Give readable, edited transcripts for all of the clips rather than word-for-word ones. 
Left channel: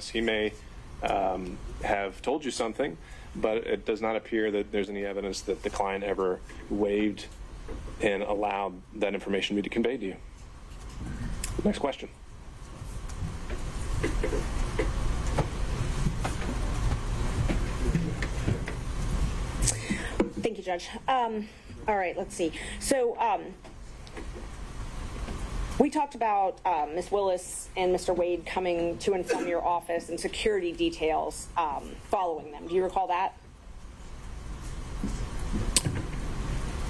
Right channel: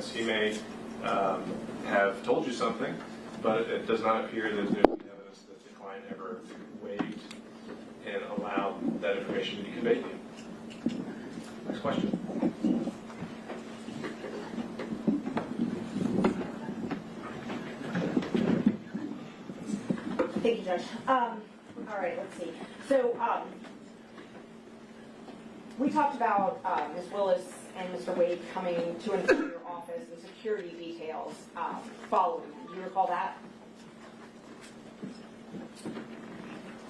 evidence. He may have told you something, but it does not appear that there's any evidence that the client ever waived and allowed that information to be conveyed to you. Next question. Thank you, Judge. All right, let's see. So we talked about Ms. Willis and Mr. Wade coming to and from your office and security details following them. Do you recall that?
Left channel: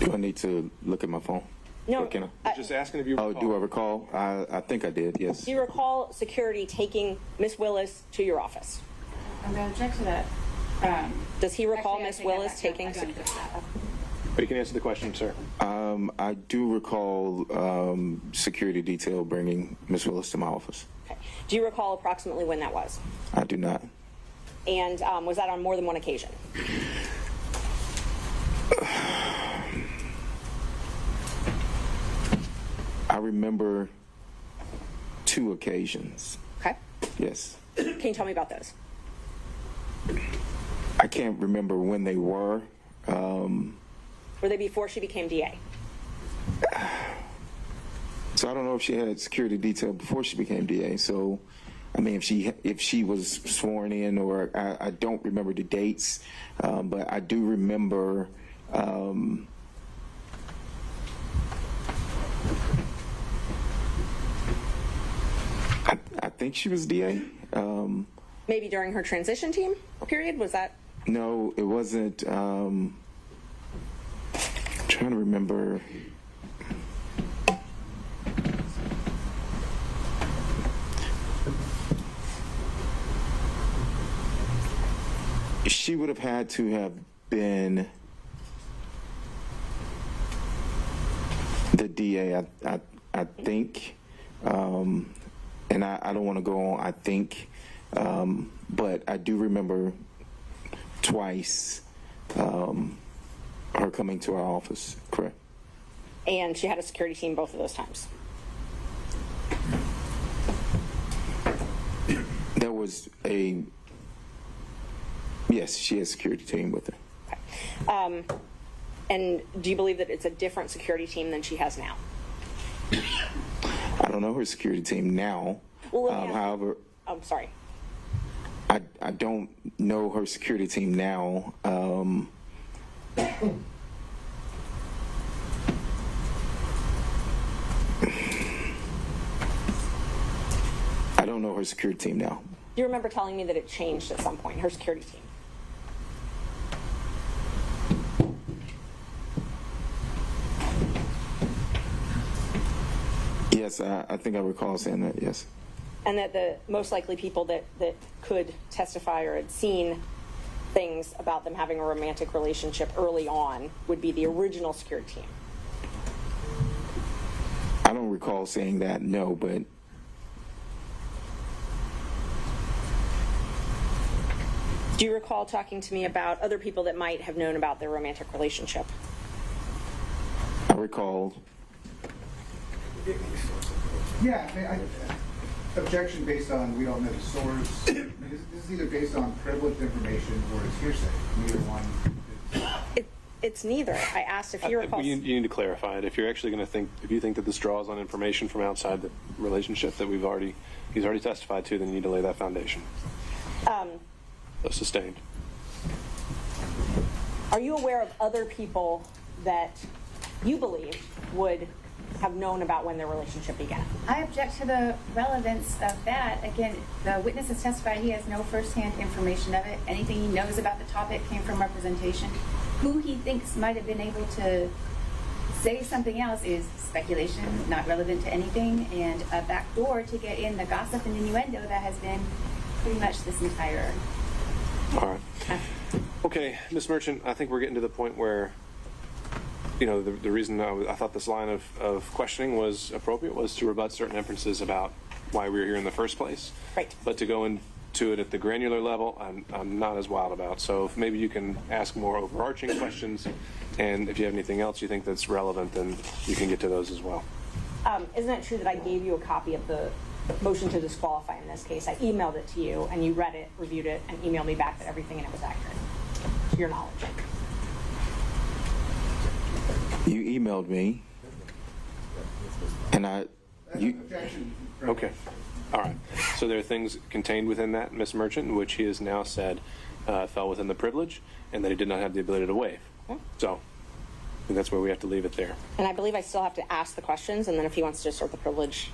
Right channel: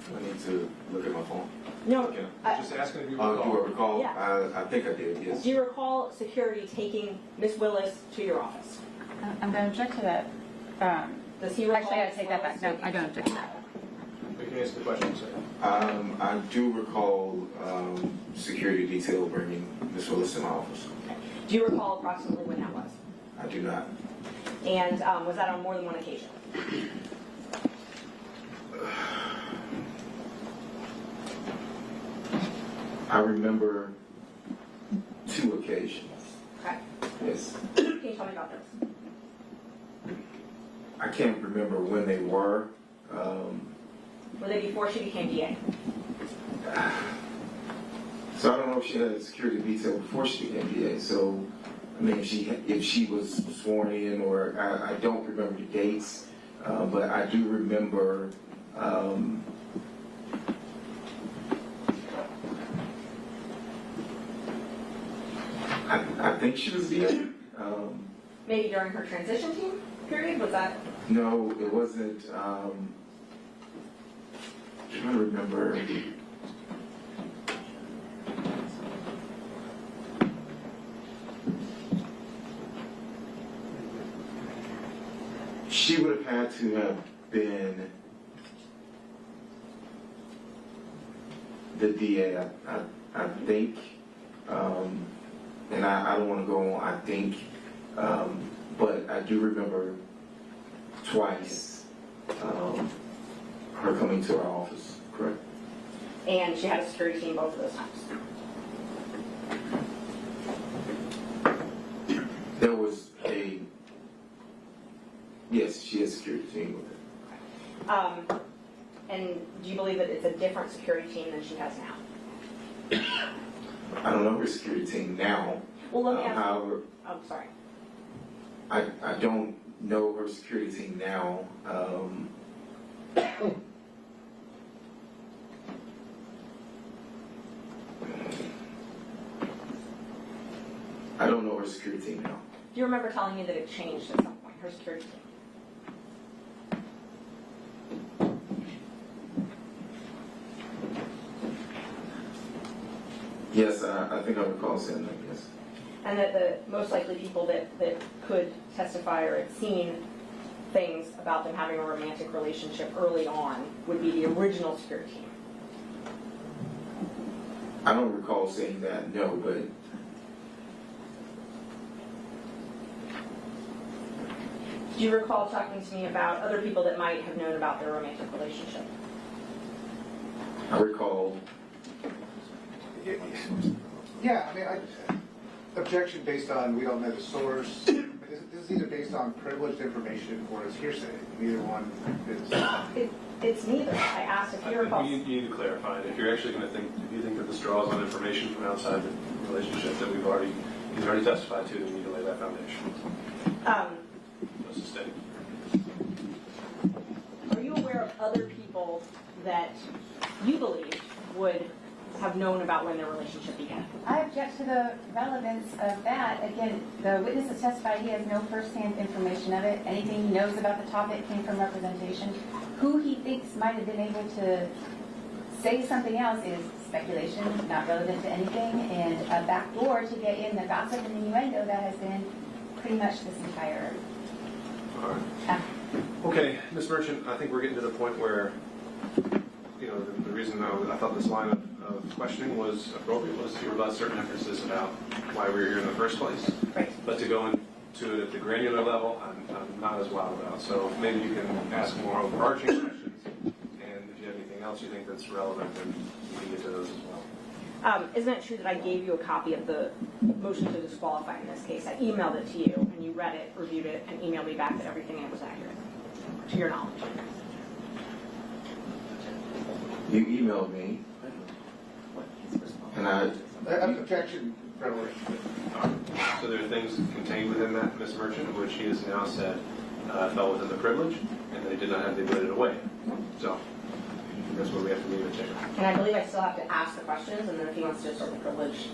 Do I need to look at my phone? No. Just asking if you Do I recall. recall? Yeah. I think I did, yes. Do you recall security taking Ms. Willis to your office? I'm going to object to that. Does he recall Actually, I Ms. take that Willis back. No, taking I don't object to that. But you can answer the question, sir. I do recall security detail bringing Ms. Willis to my office. Okay. Do you recall approximately when that was? I do not. And was that on more than one occasion? I remember 2 occasions. Okay. Yes. Can you tell me about those? I can't remember when they were. Were they before she became DA? So I don't know if she had a security detail before she became DA. So, I mean, if she was sworn in, or I don't remember the dates, but I do remember. I think she was DA. Maybe during her transition team period? Was that? No, it wasn't. I'm trying to remember. She would have had to have been the DA, I think. And I don't want to go on, I think. But I do remember twice her coming to our office, correct? And she had a security team both of those times. There was yes, she had a security team with her. Okay. And do you believe that it's a different security team than she has now? I don't know her security team now. Well, let me ask. However, I'm sorry. I don't know her security team now. I don't know her security team now. Do you remember telling me that it changed at some point, her security team? Yes, I think I recall saying that, yes. And that the most likely people that could testify or had seen things about them having a romantic relationship early on would be the original security team. I don't recall saying that, no, but Do you recall talking to me about other people that might have known about their romantic relationship? I recall. Yeah, I mean, objection based on we don't know the source. I mean, this is either based on privileged information or it's hearsay. Neither one is. It's neither. I asked if you recall. You need to clarify it. If you're actually going to if you think that this draws on information from outside the relationship that he's already testified to, then you need to lay that foundation. Sustained. Are you aware of other people that you believe would have known about when their relationship began? I object to the relevance of that. Again, the witness has testified he has no firsthand information of it. Anything he knows about the topic came from representation. Who he thinks might have been able to say something else is speculation, not relevant to anything, and a backdoor to get in the gossip and innuendo that has been pretty much this entire. All right. Okay, Ms. Merchant, I think we're getting to the point where, the reason I thought this line of questioning was appropriate was to rebut certain inferences about why we were here in the first place. Right. But to go into it at the granular level, I'm not as wild about. So if maybe you can ask more overarching questions, and if you have anything else you think that's relevant, then you can get to those as well. Isn't it true that I gave you a copy of the motion to disqualify in this case? I emailed it to you, and you read it, reviewed it, and emailed me back that everything in it was accurate, to your knowledge. You emailed me, and Objection. Okay. All right. So there are things contained within that, Ms. Merchant, which he has now said fell within the privilege, and that he did not have the ability to waive. So I think that's where we have to leave it there. And I believe I still have to ask the questions, and then if he wants to assert the privilege.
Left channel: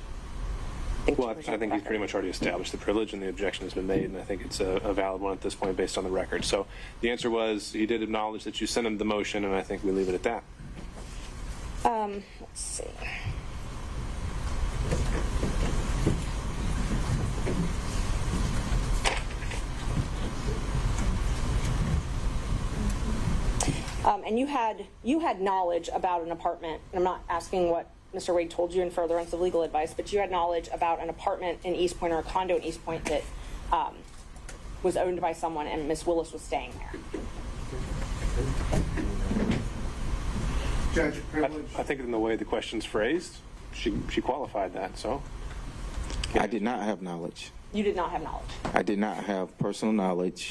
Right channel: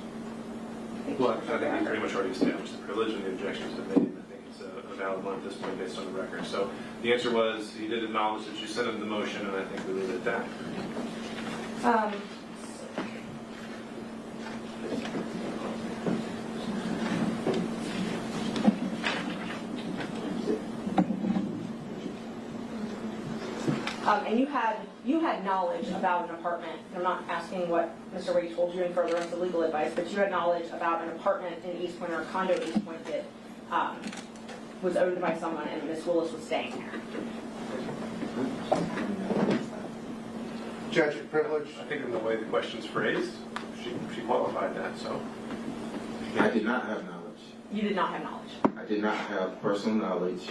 Well, I think he's pretty much already established the privilege, and the objection has been made, and I think it's a valid one at this point based on the record. So the answer was he did acknowledge that you sent him the motion, and I think we leave it at that. Let's see. And you had knowledge about an apartment, and I'm not asking what Mr. Wade told you in furtherance of legal advice, but you had knowledge about an apartment in East Point or a condo in East Point that was owned by someone, and Miss Willis was staying there. Judge, privilege. I think in the way the question's phrased, she qualified that, so. I did not have knowledge. You did not have knowledge. I did not have personal knowledge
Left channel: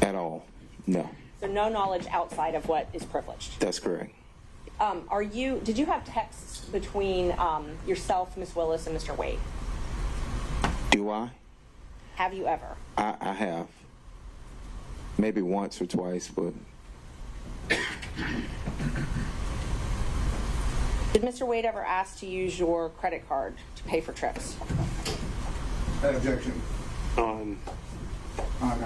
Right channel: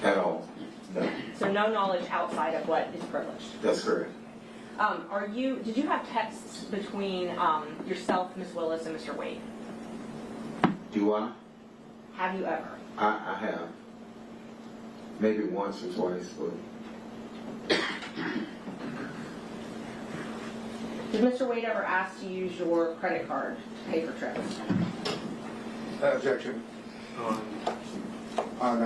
at all. No, So no knowledge outside of what is privileged. that's correct. Did you have texts between yourself, Miss Willis, and Mr. Wade? Do I? Have you ever? I have. Maybe once or twice, but Did Mr. Wade ever ask to use your credit card to pay for trips? Objection. On On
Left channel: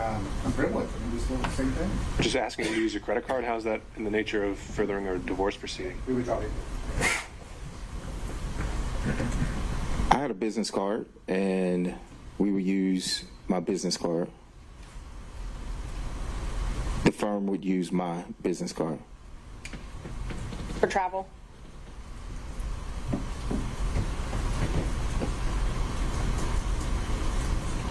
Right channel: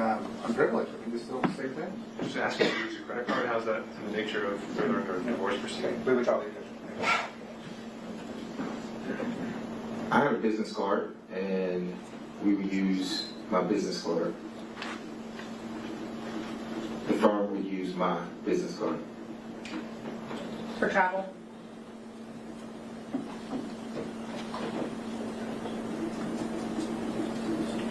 privilege, I think we still the same thing. just asking to use your credit card, how's that in the nature of furthering a divorce proceeding? We would probably. I had a business card, and we would use my business card. The firm would use my business card. For travel?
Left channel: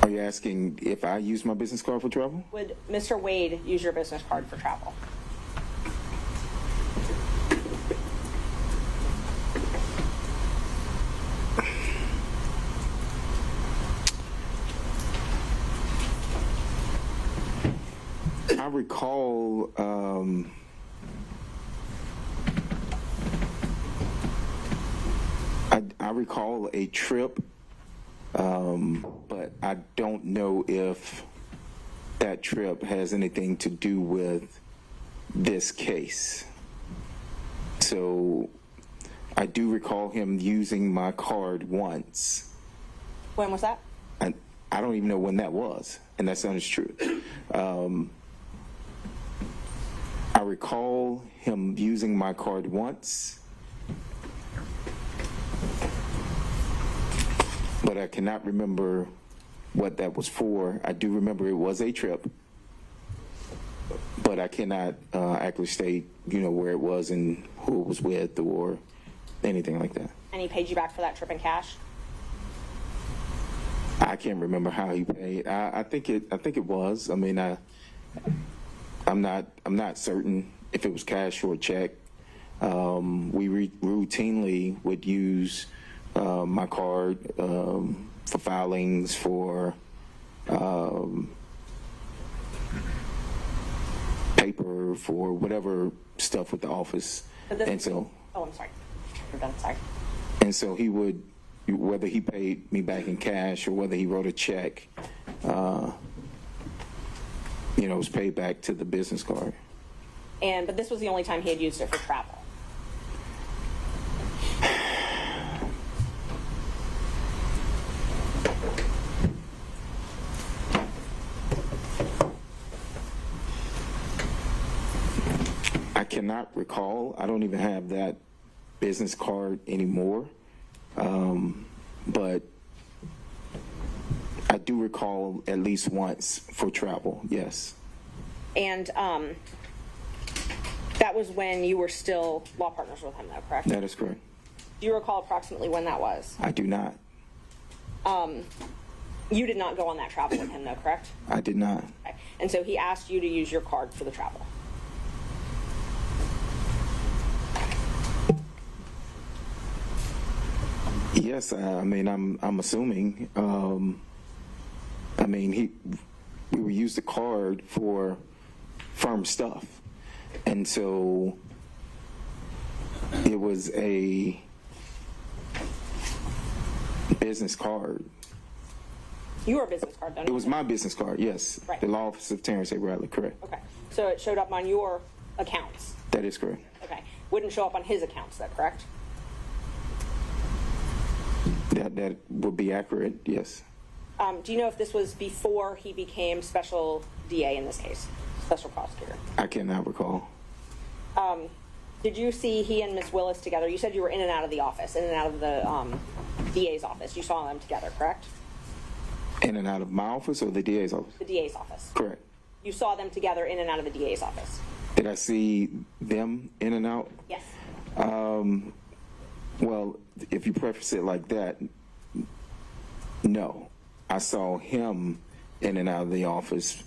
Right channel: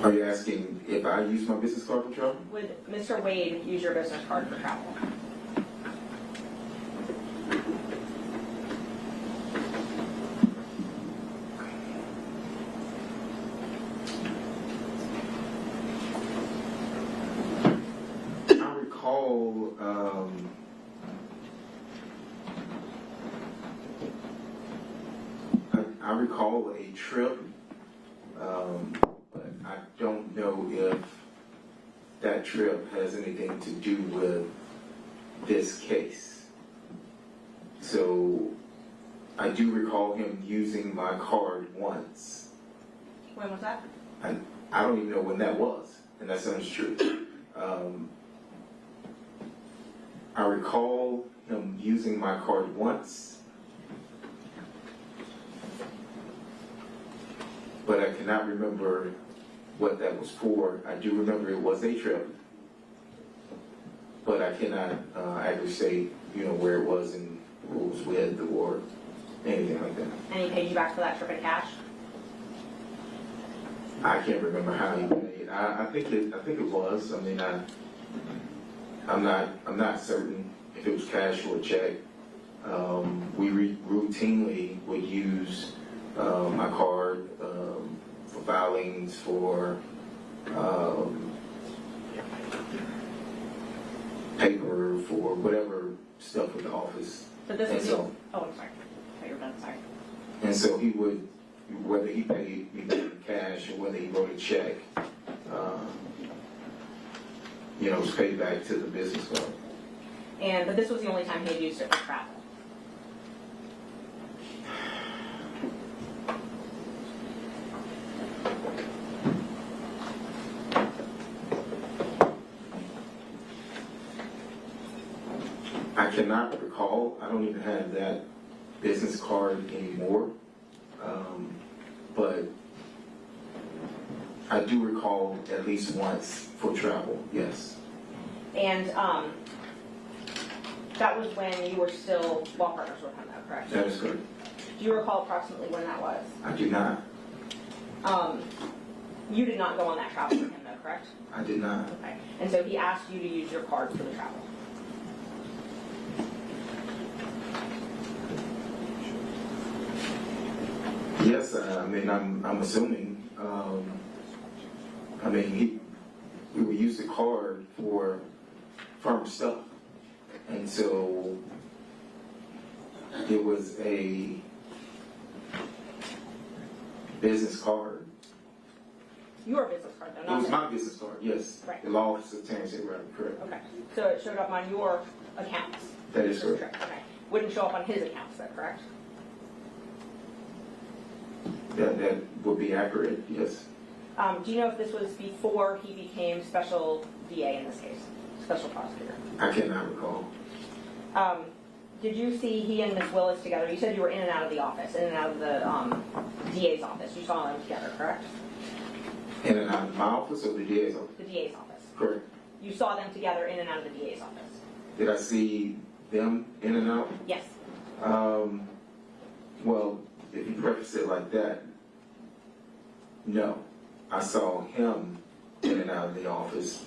Are you asking if I use my business card for travel? Would Mr. Wade use your business card for travel? I recall I recall a trip, but I don't know if that trip has anything to do with this case. So I do recall him using my card once. When was that? And I don't even know when that was, and that sounds true. I recall him using my card once, but I cannot remember what that was for. I do remember it was a trip, but I cannot accurately state, where it was and who it was with or anything like that. And he paid you back for that trip in cash? I can't remember how he paid. I think it was. I mean, I'm not certain if it was cash or a check. We routinely would use my card for filings, for paper, for whatever stuff with the office. But this And was so- oh, I'm sorry. You're done, sorry. And so he would, whether he paid me back in cash or whether he wrote a check, it was paid back to the business card. But this was the only time he had used it for travel. I cannot recall. I don't even have that business card anymore. But I do recall at least once for travel, yes. And that was when you were still law partners with him, though, correct? That is correct. Do you recall approximately when that was? I do not. You did not go on that travel with him, though, correct? I did not. Okay. And so he asked you to use your card for the travel. Yes, I mean, I'm assuming. I mean, we would use the card for firm stuff, and so it was a business card. Your business card, though, It not was his. my business card, yes. Right. The law office of Terrence Bradley, correct. Okay, so it showed up on your accounts. That is correct. Okay, wouldn't show up on his accounts, is that correct? That would be accurate, yes. Do you know if this was before he became special DA in this case, special prosecutor? I cannot recall. Did you see he and Ms. Willis together? You said you were in and out of the office, in and out of the DA's office. You saw them together, correct? In and out of my office or the DA's office? The DA's office. Correct. You saw them together in and out of the DA's office? Did I see them in and out? Yes. Well, if you preface it like that, no. I saw him in and out of the office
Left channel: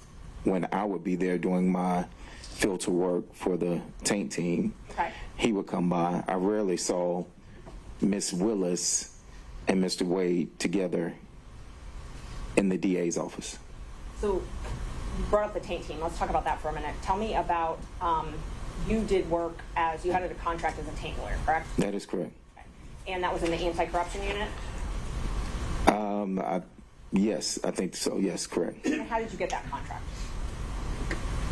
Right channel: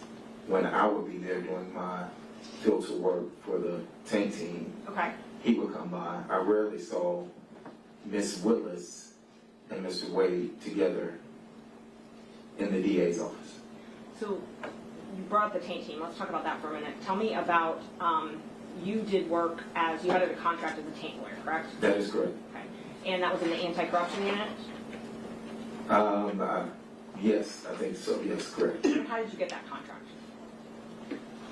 when I would be there doing my filter work for the tank team. Okay. He would come by. I rarely saw Miss Willis and Mr. Wade together in the DA's office. So, brought up the tank team. Let's talk about that for a minute. Tell me about, you did work as, you had a contract as a tank lawyer, correct? That is correct. Okay. And that was in the anti-corruption unit? Yes, I think so. Yes, correct. And how did you get that contract?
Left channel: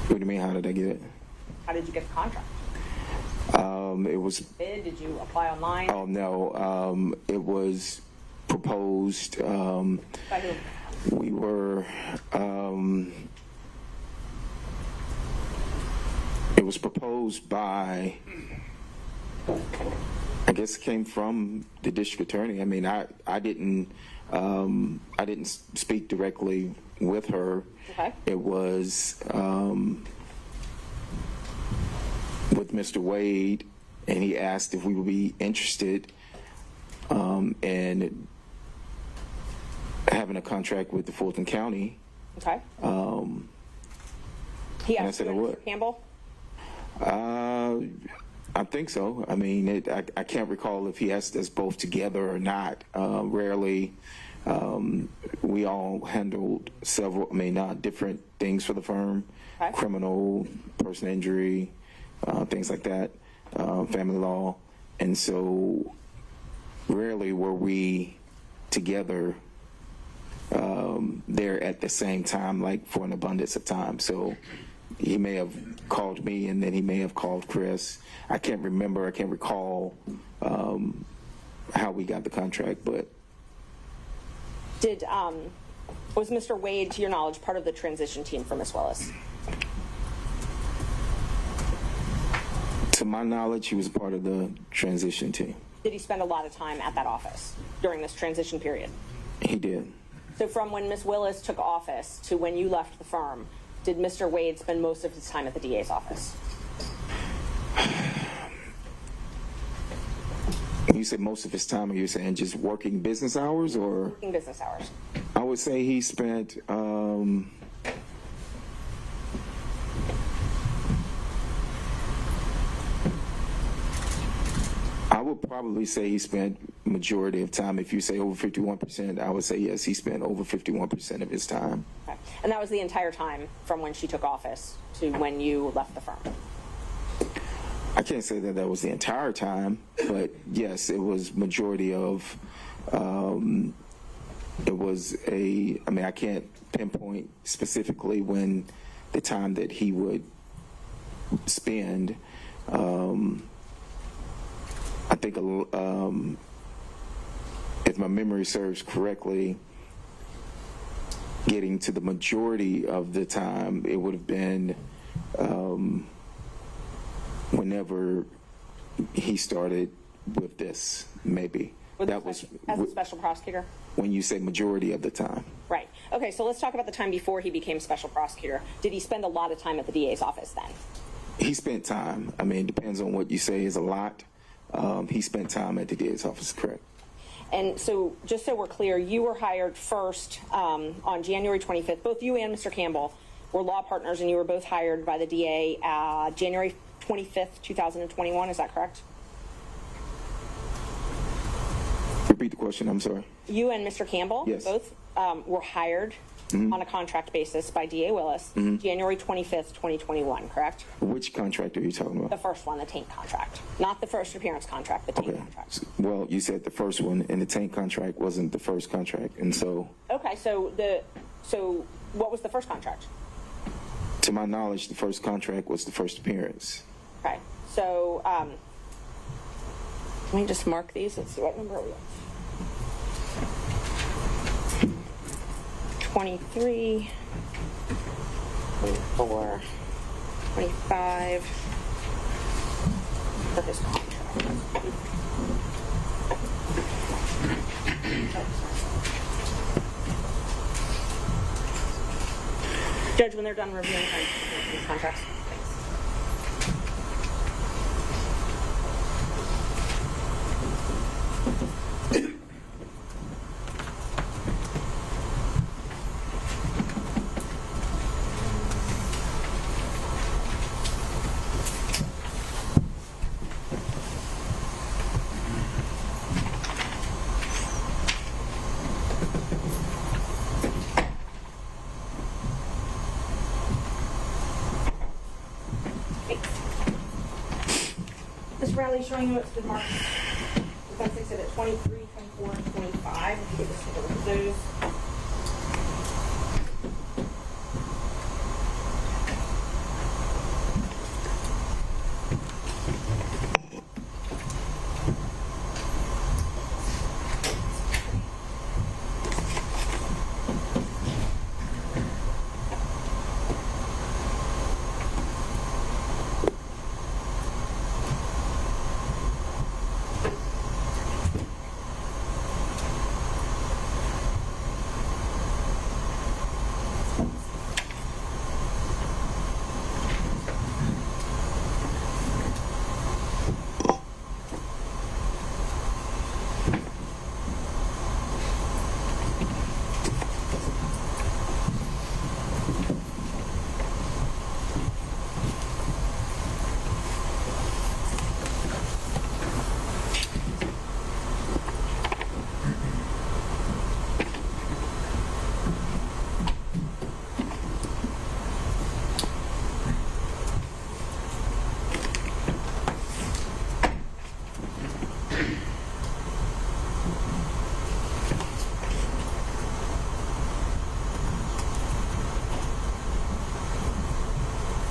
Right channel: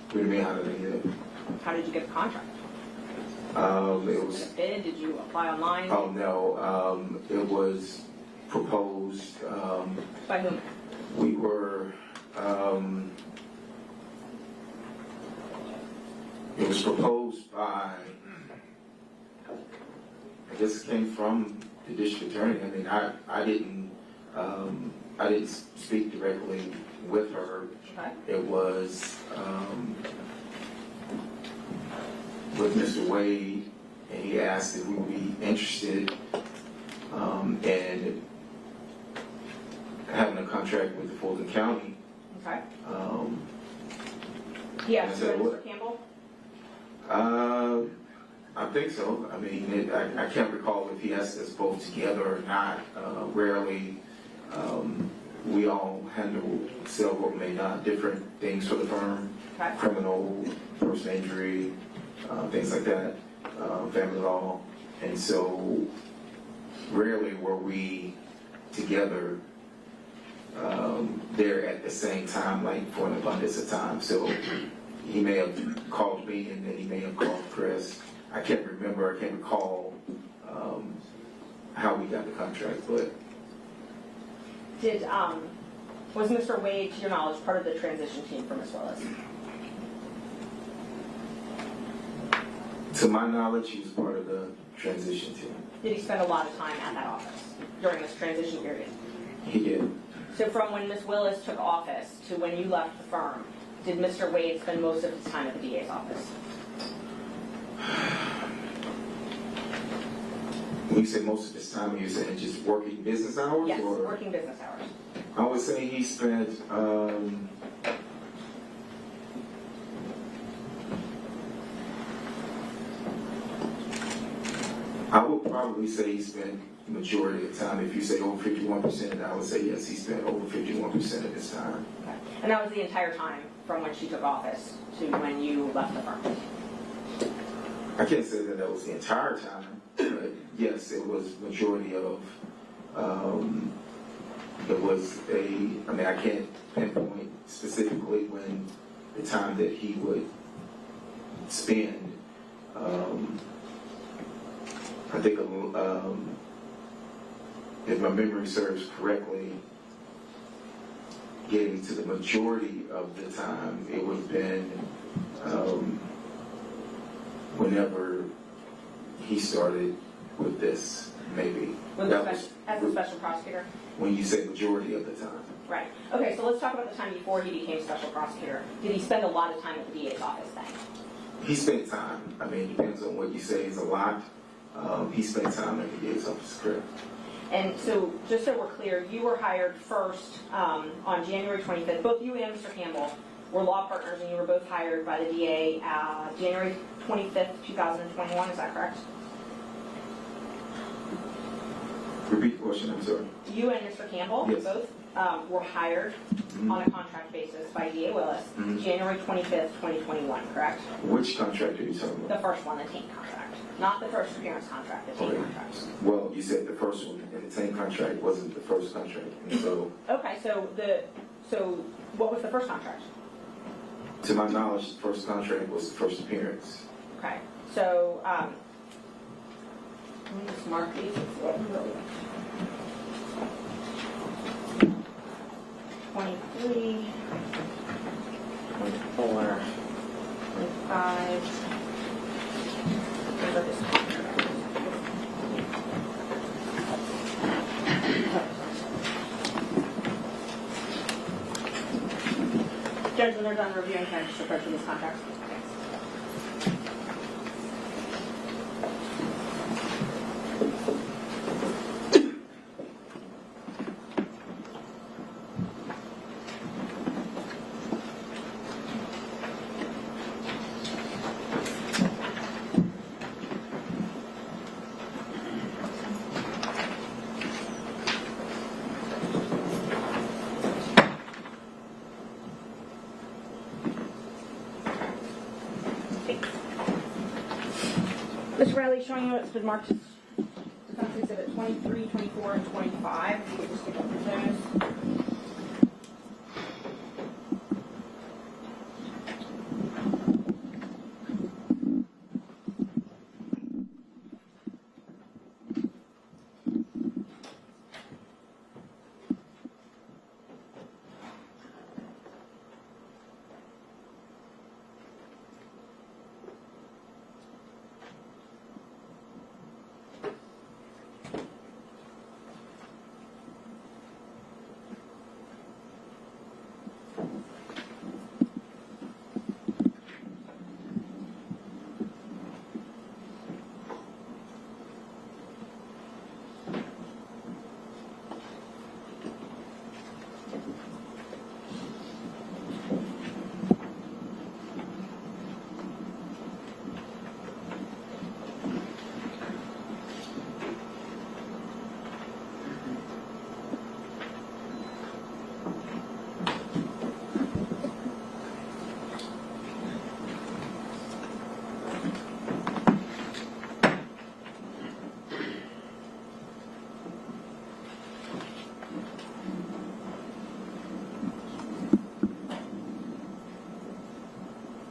What do you mean, how did I get it? How did you get the contract? It was, Did you bid? Did you apply online? oh no, it was proposed, By who? we were, it was proposed by, I guess it came from the district attorney. I mean, I didn't speak directly with her. Okay. It was with Mr. Wade, and he asked if we would be interested in having a contract with the Fulton County. Okay. He asked I you said and Mr. what? Campbell? I think so. I mean, I can't recall if he asked us both together or not. Rarely. We all handled several, not different things for the firm. Okay. Criminal, personal injury, things like that, family law. And so rarely were we together there at the same time, like for an abundance of time. So he may have called me and then he may have called Chris. I can't remember, I can't recall how we got the contract, but Did, was Mr. Wade, to your knowledge, part of the transition team for Ms. Willis? to my knowledge, he was part of the transition team. Did he spend a lot of time at that office during this transition period? He did. So from when Ms. Willis took office to when you left the firm, did Mr. Wade spend most of his time at the DA's office? When you say most of his time, are you saying just working business hours? Yes, Or working business hours. I would say he spent I would probably say he spent majority of time. If you say over 51%, I would say yes, he spent over 51% of his time. Okay. And that was the entire time from when she took office to when you left the firm? I can't say that was the entire time, but yes, it was majority of, it was I can't pinpoint specifically when the time that he would spend. I think, if my memory serves correctly, getting to the majority of the time, it would have been whenever he started with this, maybe. As a was special prosecutor? when you say majority of the time. Right. Okay, so let's talk about the time before he became special prosecutor. Did he spend a lot of time at the DA's office then? He spent time. It depends on what you say is a lot. He spent time at the DA's office, correct? And so, just so we're clear, you were hired first on January 25th. Both you and Mr. Campbell were law partners, and you were both hired by the DA January 25th, 2021. Is that correct? Repeat the question? I'm sorry. You and Mr. Campbell Yes. both were hired on a contract basis by DA Willis January 25th, 2021, correct? Which contract are you talking The about? first one, the tank contract. Not the first appearance contract, the tank Okay. contract. Well, you said the first one, and the tank contract wasn't the first contract, and so, Okay, so what was the first contract? to my knowledge, the first contract was the first appearance. Okay, so let me just mark these. Let's see what number we 23, 24, 25. What about this contract? Judge, when they're done reviewing, can I just look up these contracts? Mr. Bradley, showing you what's been marked. That's exhibit 23, 24, and 25. You can just look at those.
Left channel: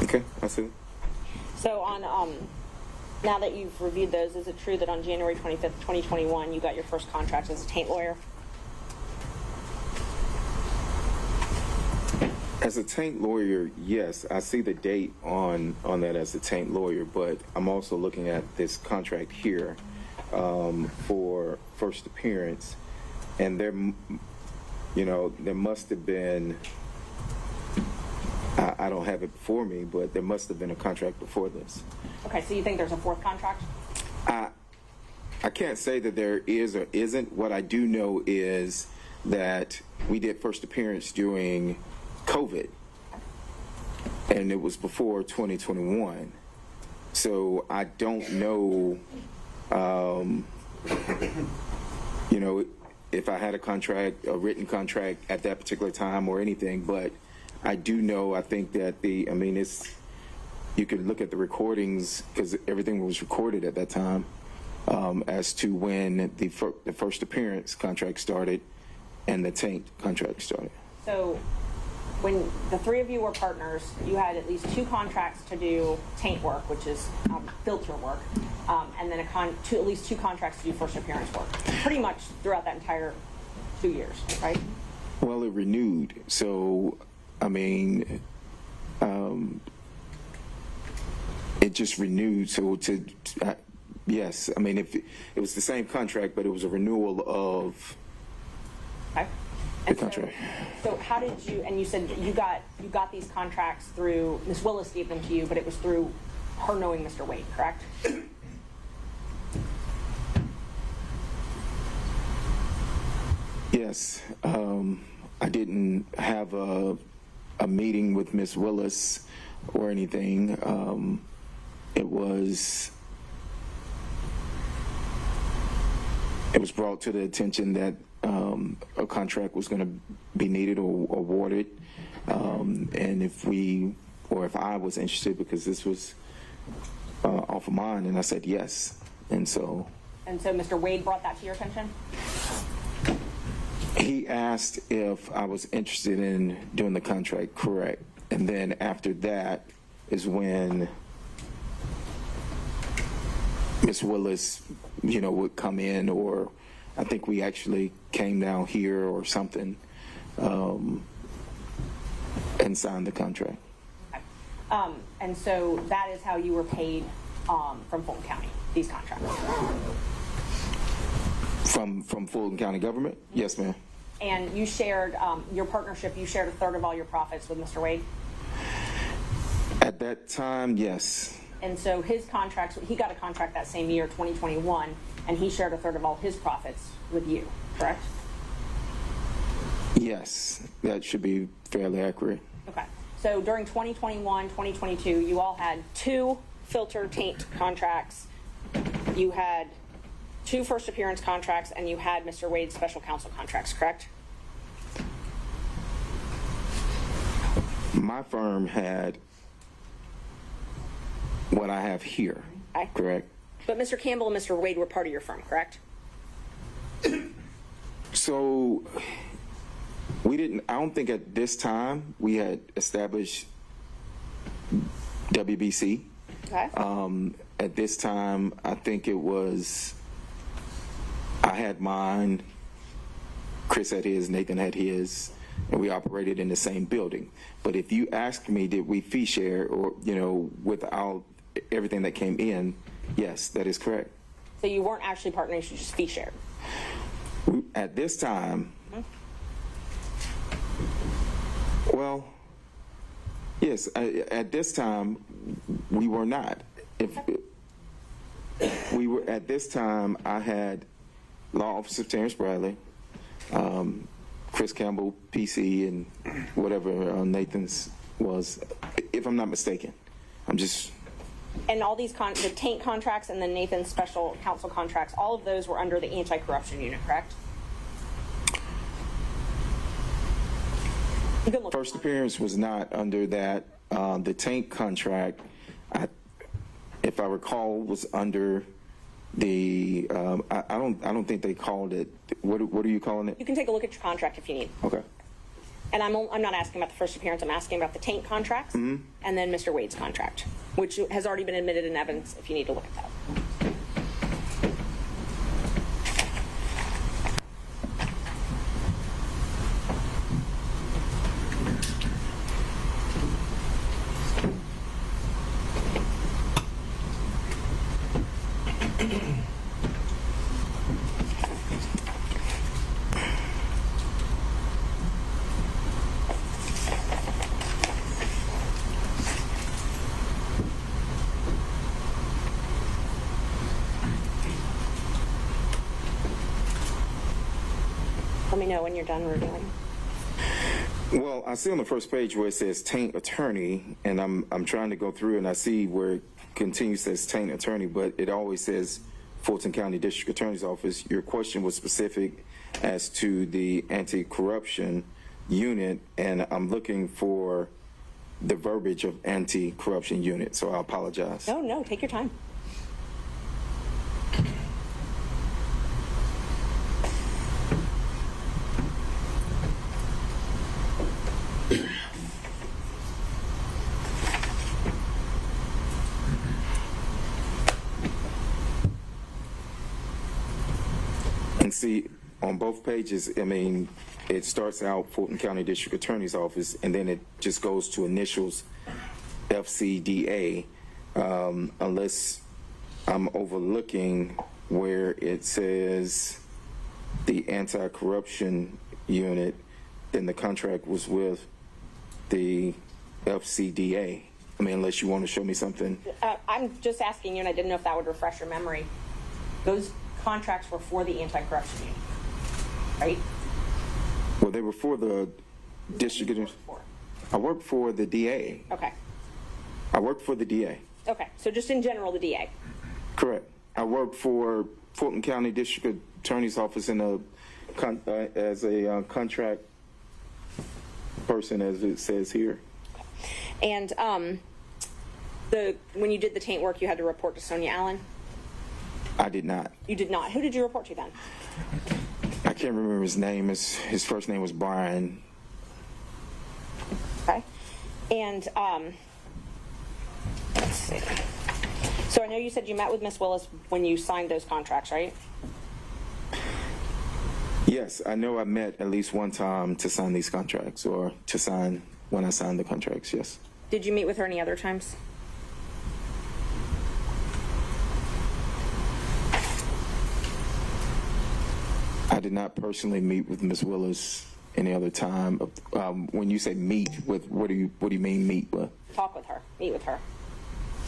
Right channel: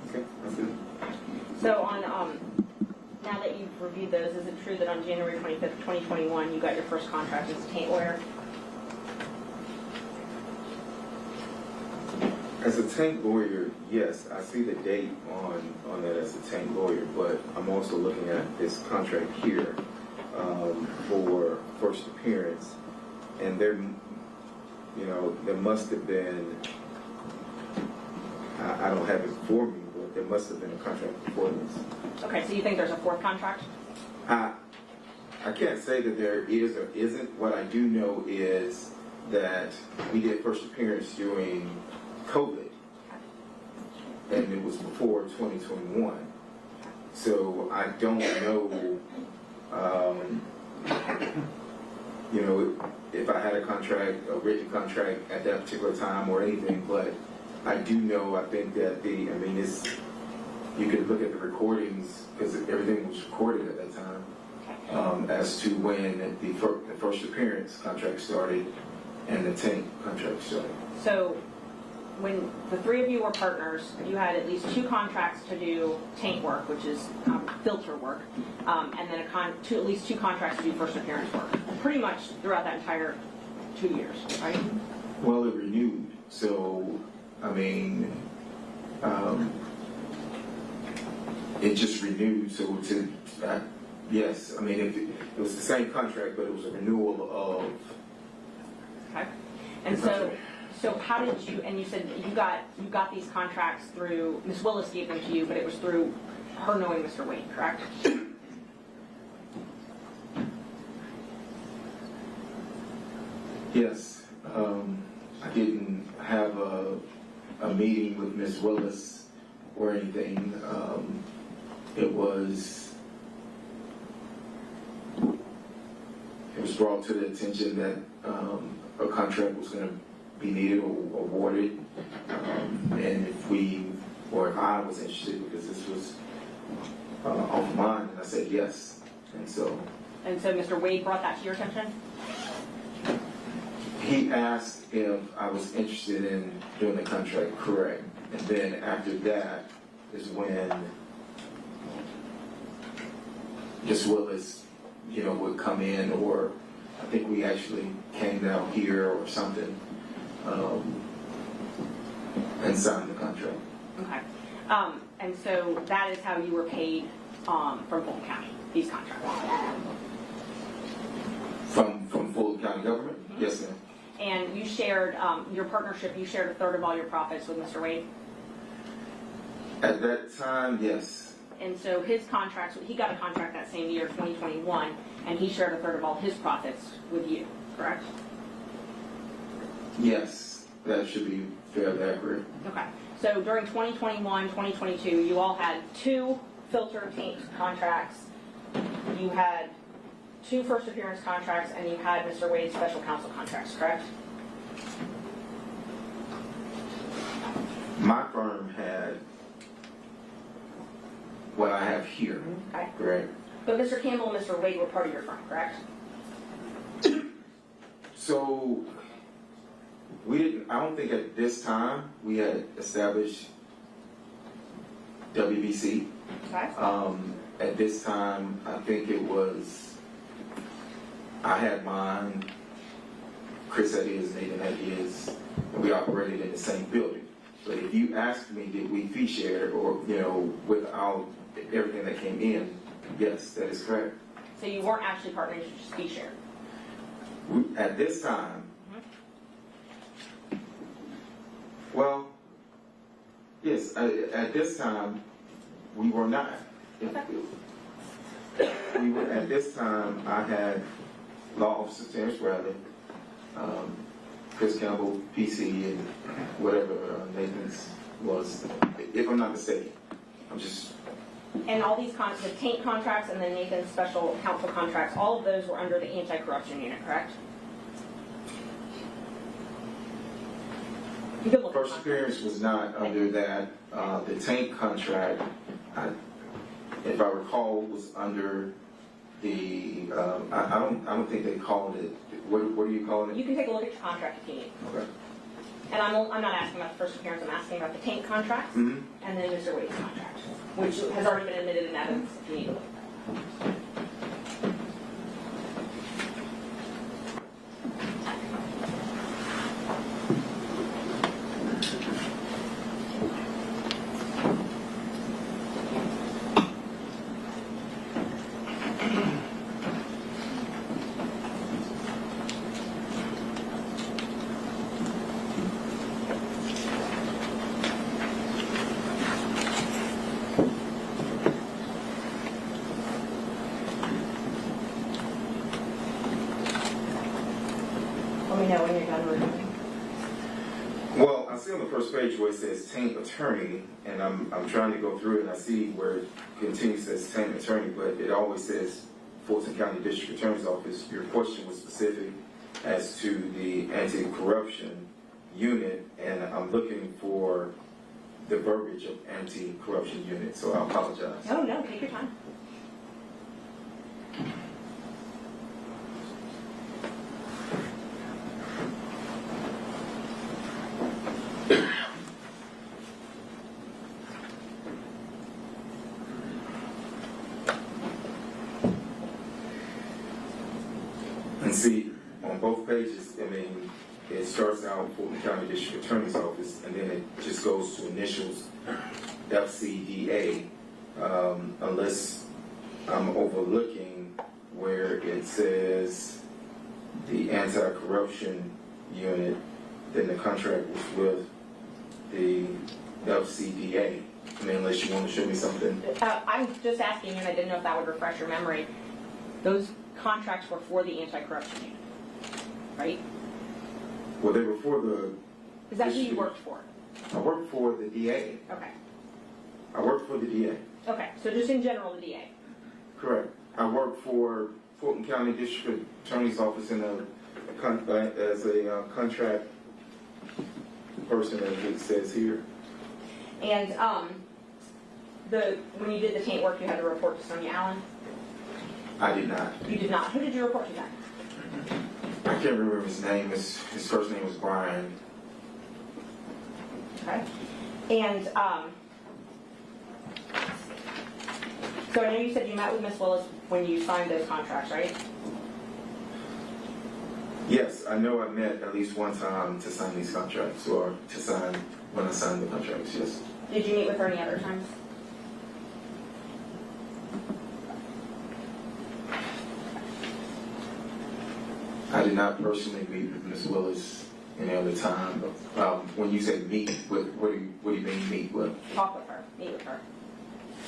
Okay, I see. So on, now that you've reviewed those, is it true that on January 25th, 2021, you got your first contract as a taint lawyer? As a tank lawyer, yes, I see the date on that as a tank lawyer, but I'm also looking at this contract here for first appearance, and there must have been, I don't have it for me, but there must have been a contract before this. Okay, so you think there's a fourth contract? I can't say that there is or isn't. What I do know is that we did first appearance during COVID, and it was before 2021. So I don't know, if I had a written contract at that particular time or anything, but I do know, I think that you could look at the recordings, because everything was recorded at that time, as to when the first appearance contract started and the tank contract started. So when the three of you were partners, you had at least 2 contracts to do taint work, which is filter work, and then at least 2 contracts to do first appearance work, pretty much throughout that entire 2 years, right? Well, it renewed, so it just renewed. So yes, if it was the same contract, but it was a renewal of Okay. the And contract. so how did you, and you said that you got these contracts through, Ms. Willis gave them to you, but it was through her knowing Mr. Wade, correct? Yes, I didn't have a meeting with Ms. Willis or anything. It was was brought to the attention that a contract was going to be needed or awarded, and if I was interested, because this was off of mine, and I said yes. And so Mr. Wade brought that to your attention? he asked if I was interested in doing the contract, correct. And then after that is when Ms. Willis, would come in, or I think we actually came down here or something, and signed the contract. Okay. And so that is how you were paid from Fulton County, these contracts? From Fulton County government? Yes, ma'am. And you shared, your partnership, you shared a third of all your profits with Mr. Wade? At that time, yes. And so his contracts, he got a contract that same year, 2021, and he shared a third of all his profits with you, correct? Yes, that should be fairly accurate. Okay. So during 2021, 2022, you all had 2 filter taint contracts. You had 2 first appearance contracts, and you had Mr. Wade's special counsel contracts, correct? My firm had what I have here, Okay. correct? But Mr. Campbell and Mr. Wade were part of your firm, correct? So I don't think at this time we had established WBC. Okay. At this time, I think I had mine, Chris had his, Nathan had his, and we operated in the same building. But if you asked me, did we fee share or, without everything that came in, yes, that is correct. So you weren't actually partners, you just fee shared. At this time, well, yes, at this time, we were not. At this time, I had Law Officer Terrence Bradley, Chris Campbell, PC, and whatever Nathan's was, if I'm not mistaken. And all these, the taint contracts and then Nathan's special counsel contracts, all of those were under the anti-corruption unit, correct? You can look. First appearance was not under that. The taint contract, if I recall, was under the. I don't think they called it. What are you calling it? You can take a look at your contract if you need. Okay. And I'm not asking about the first appearance, I'm asking about the taint contracts and then Mr. Wade's contract, which has already been admitted in evidence if you need to look at that. Let me know when you're done reviewing. Well, I see on the first page where it says taint attorney, and I'm trying to go through and I see where it continues says taint attorney, but it always says Fulton County District Attorney's Office. Your question was specific as to the anti-corruption unit, and I'm looking for the verbiage of anti-corruption unit, so I apologize. No, take your time. And see, on both pages, it starts out Fulton County District Attorney's Office, and then it just goes to initials FCDA, unless I'm overlooking where it says the anti-corruption unit, then the contract was with the FCDA. Unless you want to show me something. I'm just asking you, and I didn't know if that would refresh your memory. Those contracts were for the anti-corruption unit, right? Well, they were for the Is that who you district. worked for? I worked for the DA. Okay. I worked for the DA. Okay, so just in general, the DA. Correct. I work for Fulton County District Attorney's Office in as a contract person, as it says here. And when you did the taint work, you had to report to Sonia Allen? I did not. You did not. Who did you report to then? I can't remember his name. His first name was Brian. Okay. And let's see. So I know you said you met with Miss Willis when you signed those contracts, right? Yes, I know I met at least one time to sign these contracts, or to sign when I signed the contracts, yes. Did you meet with her any other times? I did not personally meet with Ms. Willis any other time. When you say meet, what do you mean meet with? Talk with her, meet with her.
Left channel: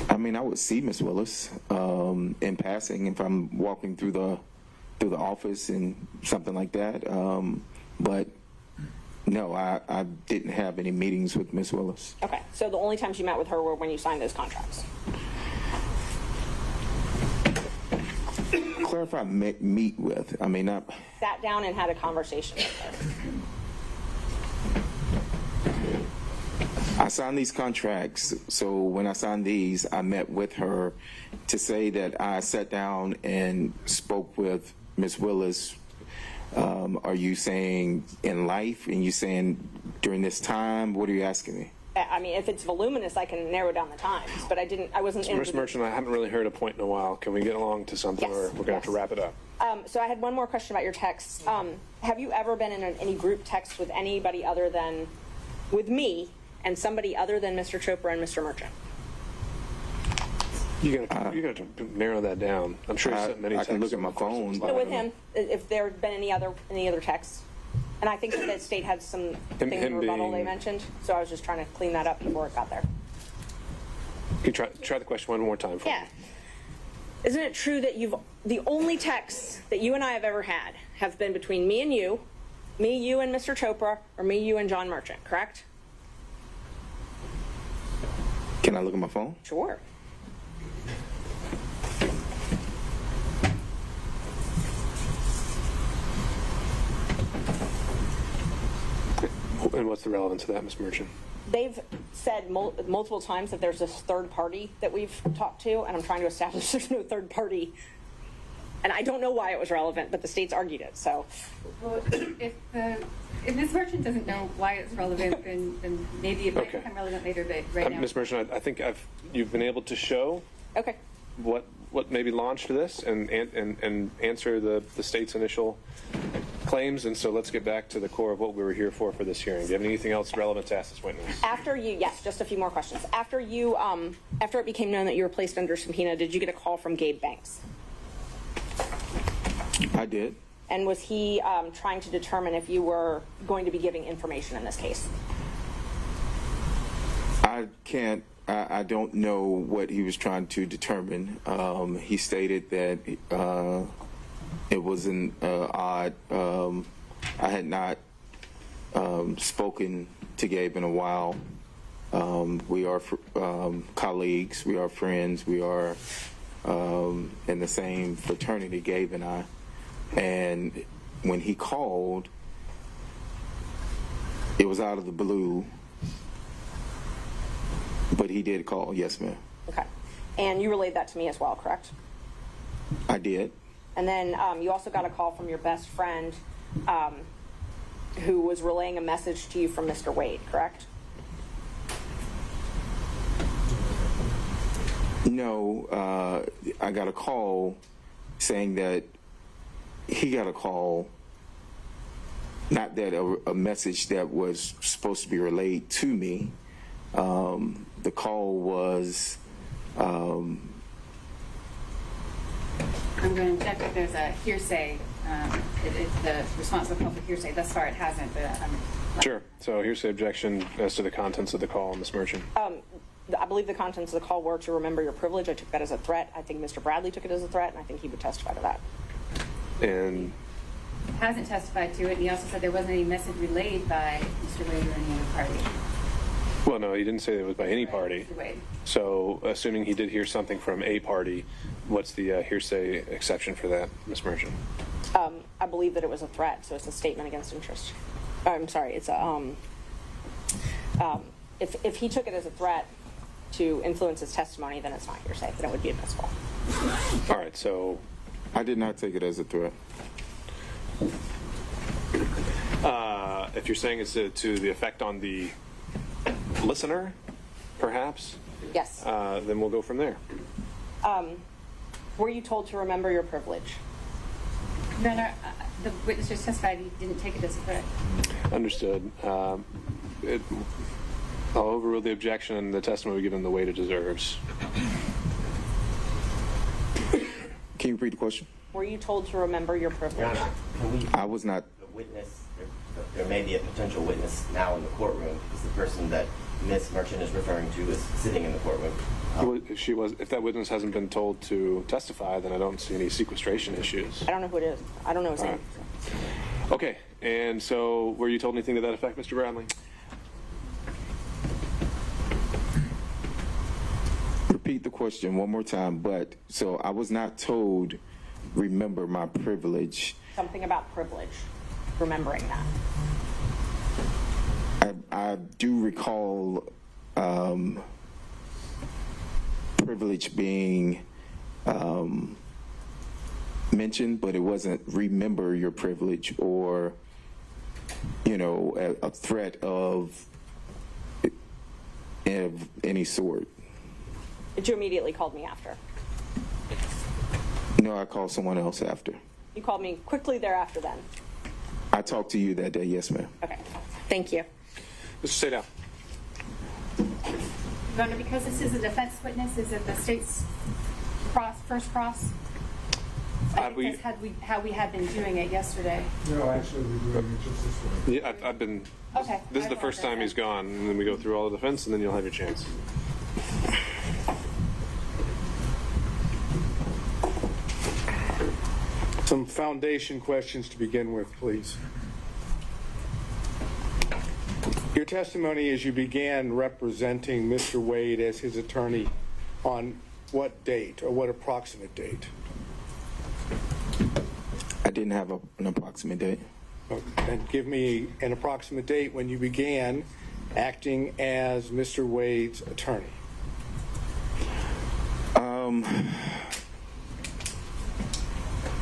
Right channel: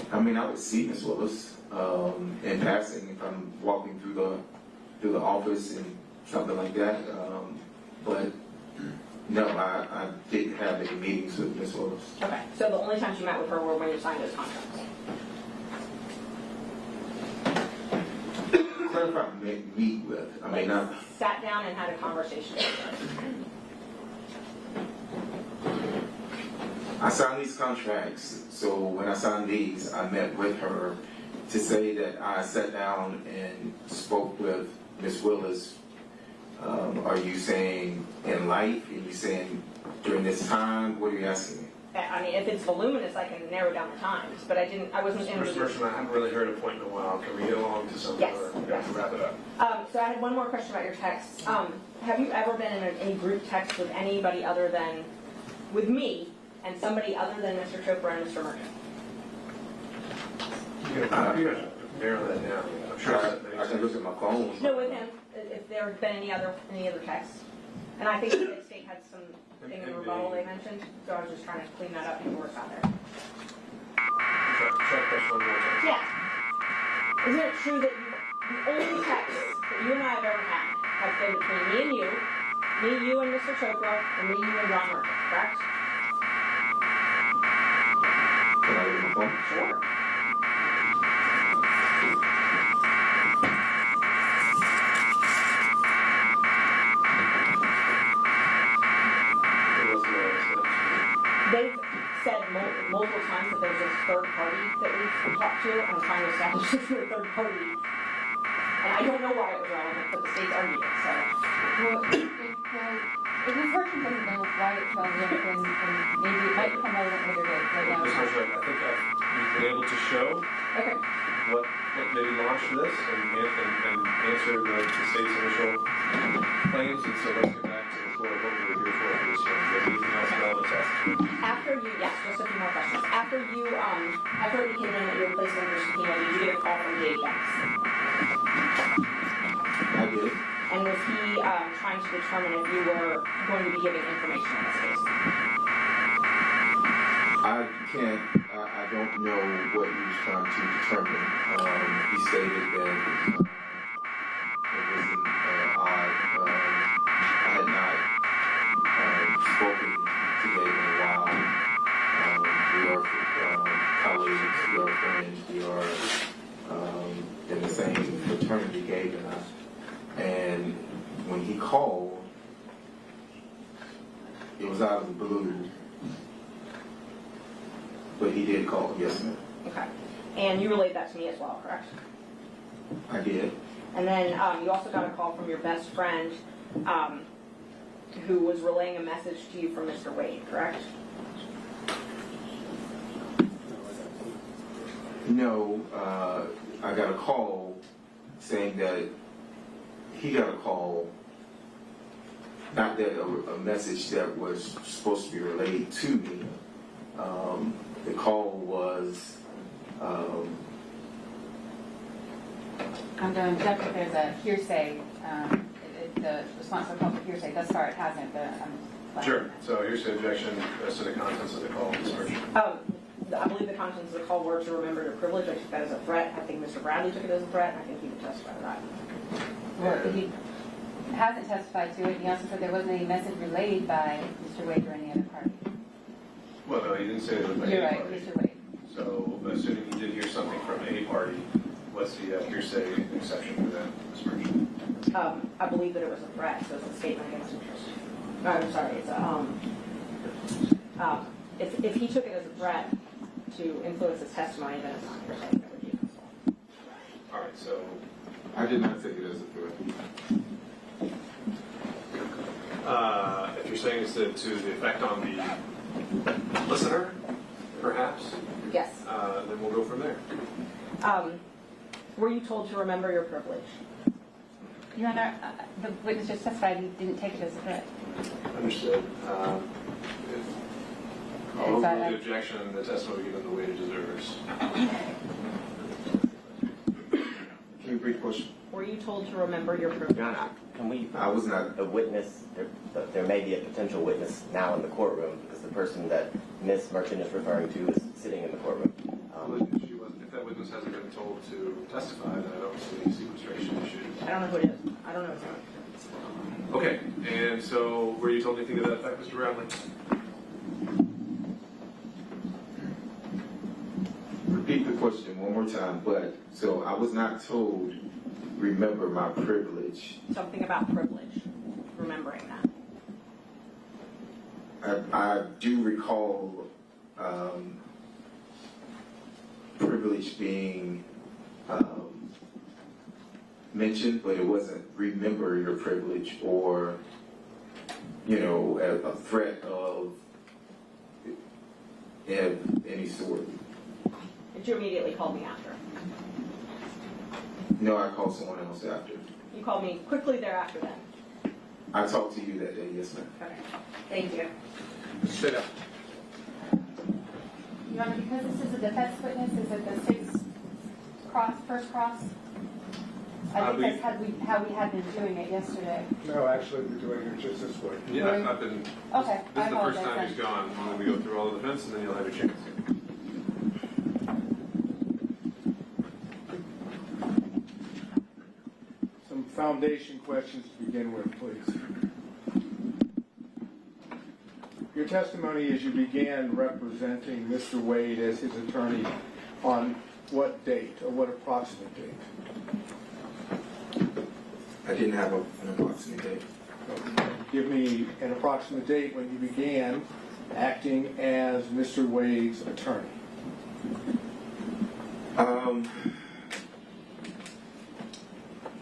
I mean, I would see Ms. Willis in passing if I'm walking through the office and something like that. But no, I didn't have any meetings with Ms. Willis. Okay, so the only times you met with her were when you signed those contracts? Clarify meet with. I mean, I Sat down and had a conversation with her. I signed these contracts, so when I signed these, I met with her. To say that I sat down and spoke with Ms. Willis, are you saying in life, and you saying during this time? What are you asking me? I mean, if it's voluminous, I can narrow down the times, but I wasn't in. Mr. Merchant, I haven't really heard a point in a while. Can we get along to something Yes, where we're going to have to yes. wrap it up? So I had one more question about your text. Have you ever been in any group text with anybody other than, with me, and somebody other than Mr. Chopra and Mr. Merchant? You're going to narrow that down. I'm sure I've said many I times. can look at my phone. No, with him, if there had been any other texts. And I think that the state had some thing in him rebuttal they being- mentioned, so I was just trying to clean that up before it got there. Can try the question one more time. Yeah. Isn't it true that the only texts that you and I have ever had have been between me and you and Mr. Chopra, or me, you, and John Merchant, correct? Can I look at my phone? Sure. And what's the relevance of that, Mr. Merchant? They've said multiple times that there's this third party that we've talked to, and I'm trying to establish this with a third party. And I don't know why it was relevant, but the state's argued it, so. Well, if Ms. Merchant doesn't know why it's relevant, then maybe it might become relevant later, but right now. Ms. Merchant, I think you've been able to show Okay. what maybe launched this and answer the state's initial claims, and so let's get back to the core of what we were here for this hearing. Do you have anything else relevant to ask this witness? Yes, just a few more questions. After it became known that you were placed under subpoena, did you get a call from Gabe Banks? I did. And was he trying to determine if you were going to be giving information in this case? I don't know what he was trying to determine. He stated that it was an odd. I had not spoken to Gabe in a while. We are colleagues. We are friends. We are in the same fraternity, Gabe and I. And when he called, it was out of the blue. But he did call, yes, ma'am. Okay. And you relayed that to me as well, correct? I did. And then you also got a call from your best friend who was relaying a message to you from Mr. Wade, correct? No, I got a call saying that he got a call, not that a message that was supposed to be relayed to me. The call was, I'm going to check if there's a hearsay, the response to the call for hearsay. Thus far, it hasn't, but I'm. Sure. So here's the objection as to the contents of the call, Ms. Merchant. I believe the contents of the call were to remember your privilege. I took that as a threat. I think Mr. Bradley took it as a threat, and I think he would testify to that. Well, he hasn't testified to it. He also said there wasn't any message relayed by Mr. Wade or any other party. Well, no, he didn't say it was by any You're right, party. Mr. Wade. So assuming he did hear something from a party, what's the hearsay exception for that, Ms. Merchant? I believe that it was a threat, so it's a statement against interest. I'm sorry, it's a, if he took it as a threat to influence his testimony, then it's not hearsay, then it would be admissible. All right, so I did not take it as a threat. if you're saying it's to the effect on the listener, perhaps, Yes. then we'll go from there. Were you told to remember your privilege? No, the witness just testified he didn't take it as a threat. Understood. I'll overrule the objection. The testimony given the weight it deserves. Can you repeat the question? Were you told to remember your privilege? Your Honor, can we, I was not. a witness, there may be a potential witness now in the courtroom because the person that Ms. Merchant is referring to is sitting in the courtroom. If that witness hasn't been told to testify, then I don't see any sequestration issues. I don't know who it is. I don't know his name. Okay, and so were you told anything to that effect, Mr. Bradley? Repeat the question one more time, but, so I was not told, remember my privilege. Something about privilege. Remembering that. I do recall privilege being mentioned, but it wasn't remember your privilege or, a threat of any sort. But you immediately called me after. No, I called someone else after. You called me quickly thereafter then. I talked to you that day, yes, ma'am. Okay. Thank you. Mr. Seda. Your Honor, because this is a defense witness, is it the state's first cross? I think that's how we had been doing it yesterday. No, actually, we're doing it just this way. Yeah, I've been. Okay. This is the first time he's gone, and then we go through all the defense, and then you'll have your chance. Some foundation questions to begin with, please. Your testimony as you began representing Mr. Wade as his attorney on what date or what approximate date? I didn't have an approximate date. And give me an approximate date when you began acting as Mr. Wade's attorney.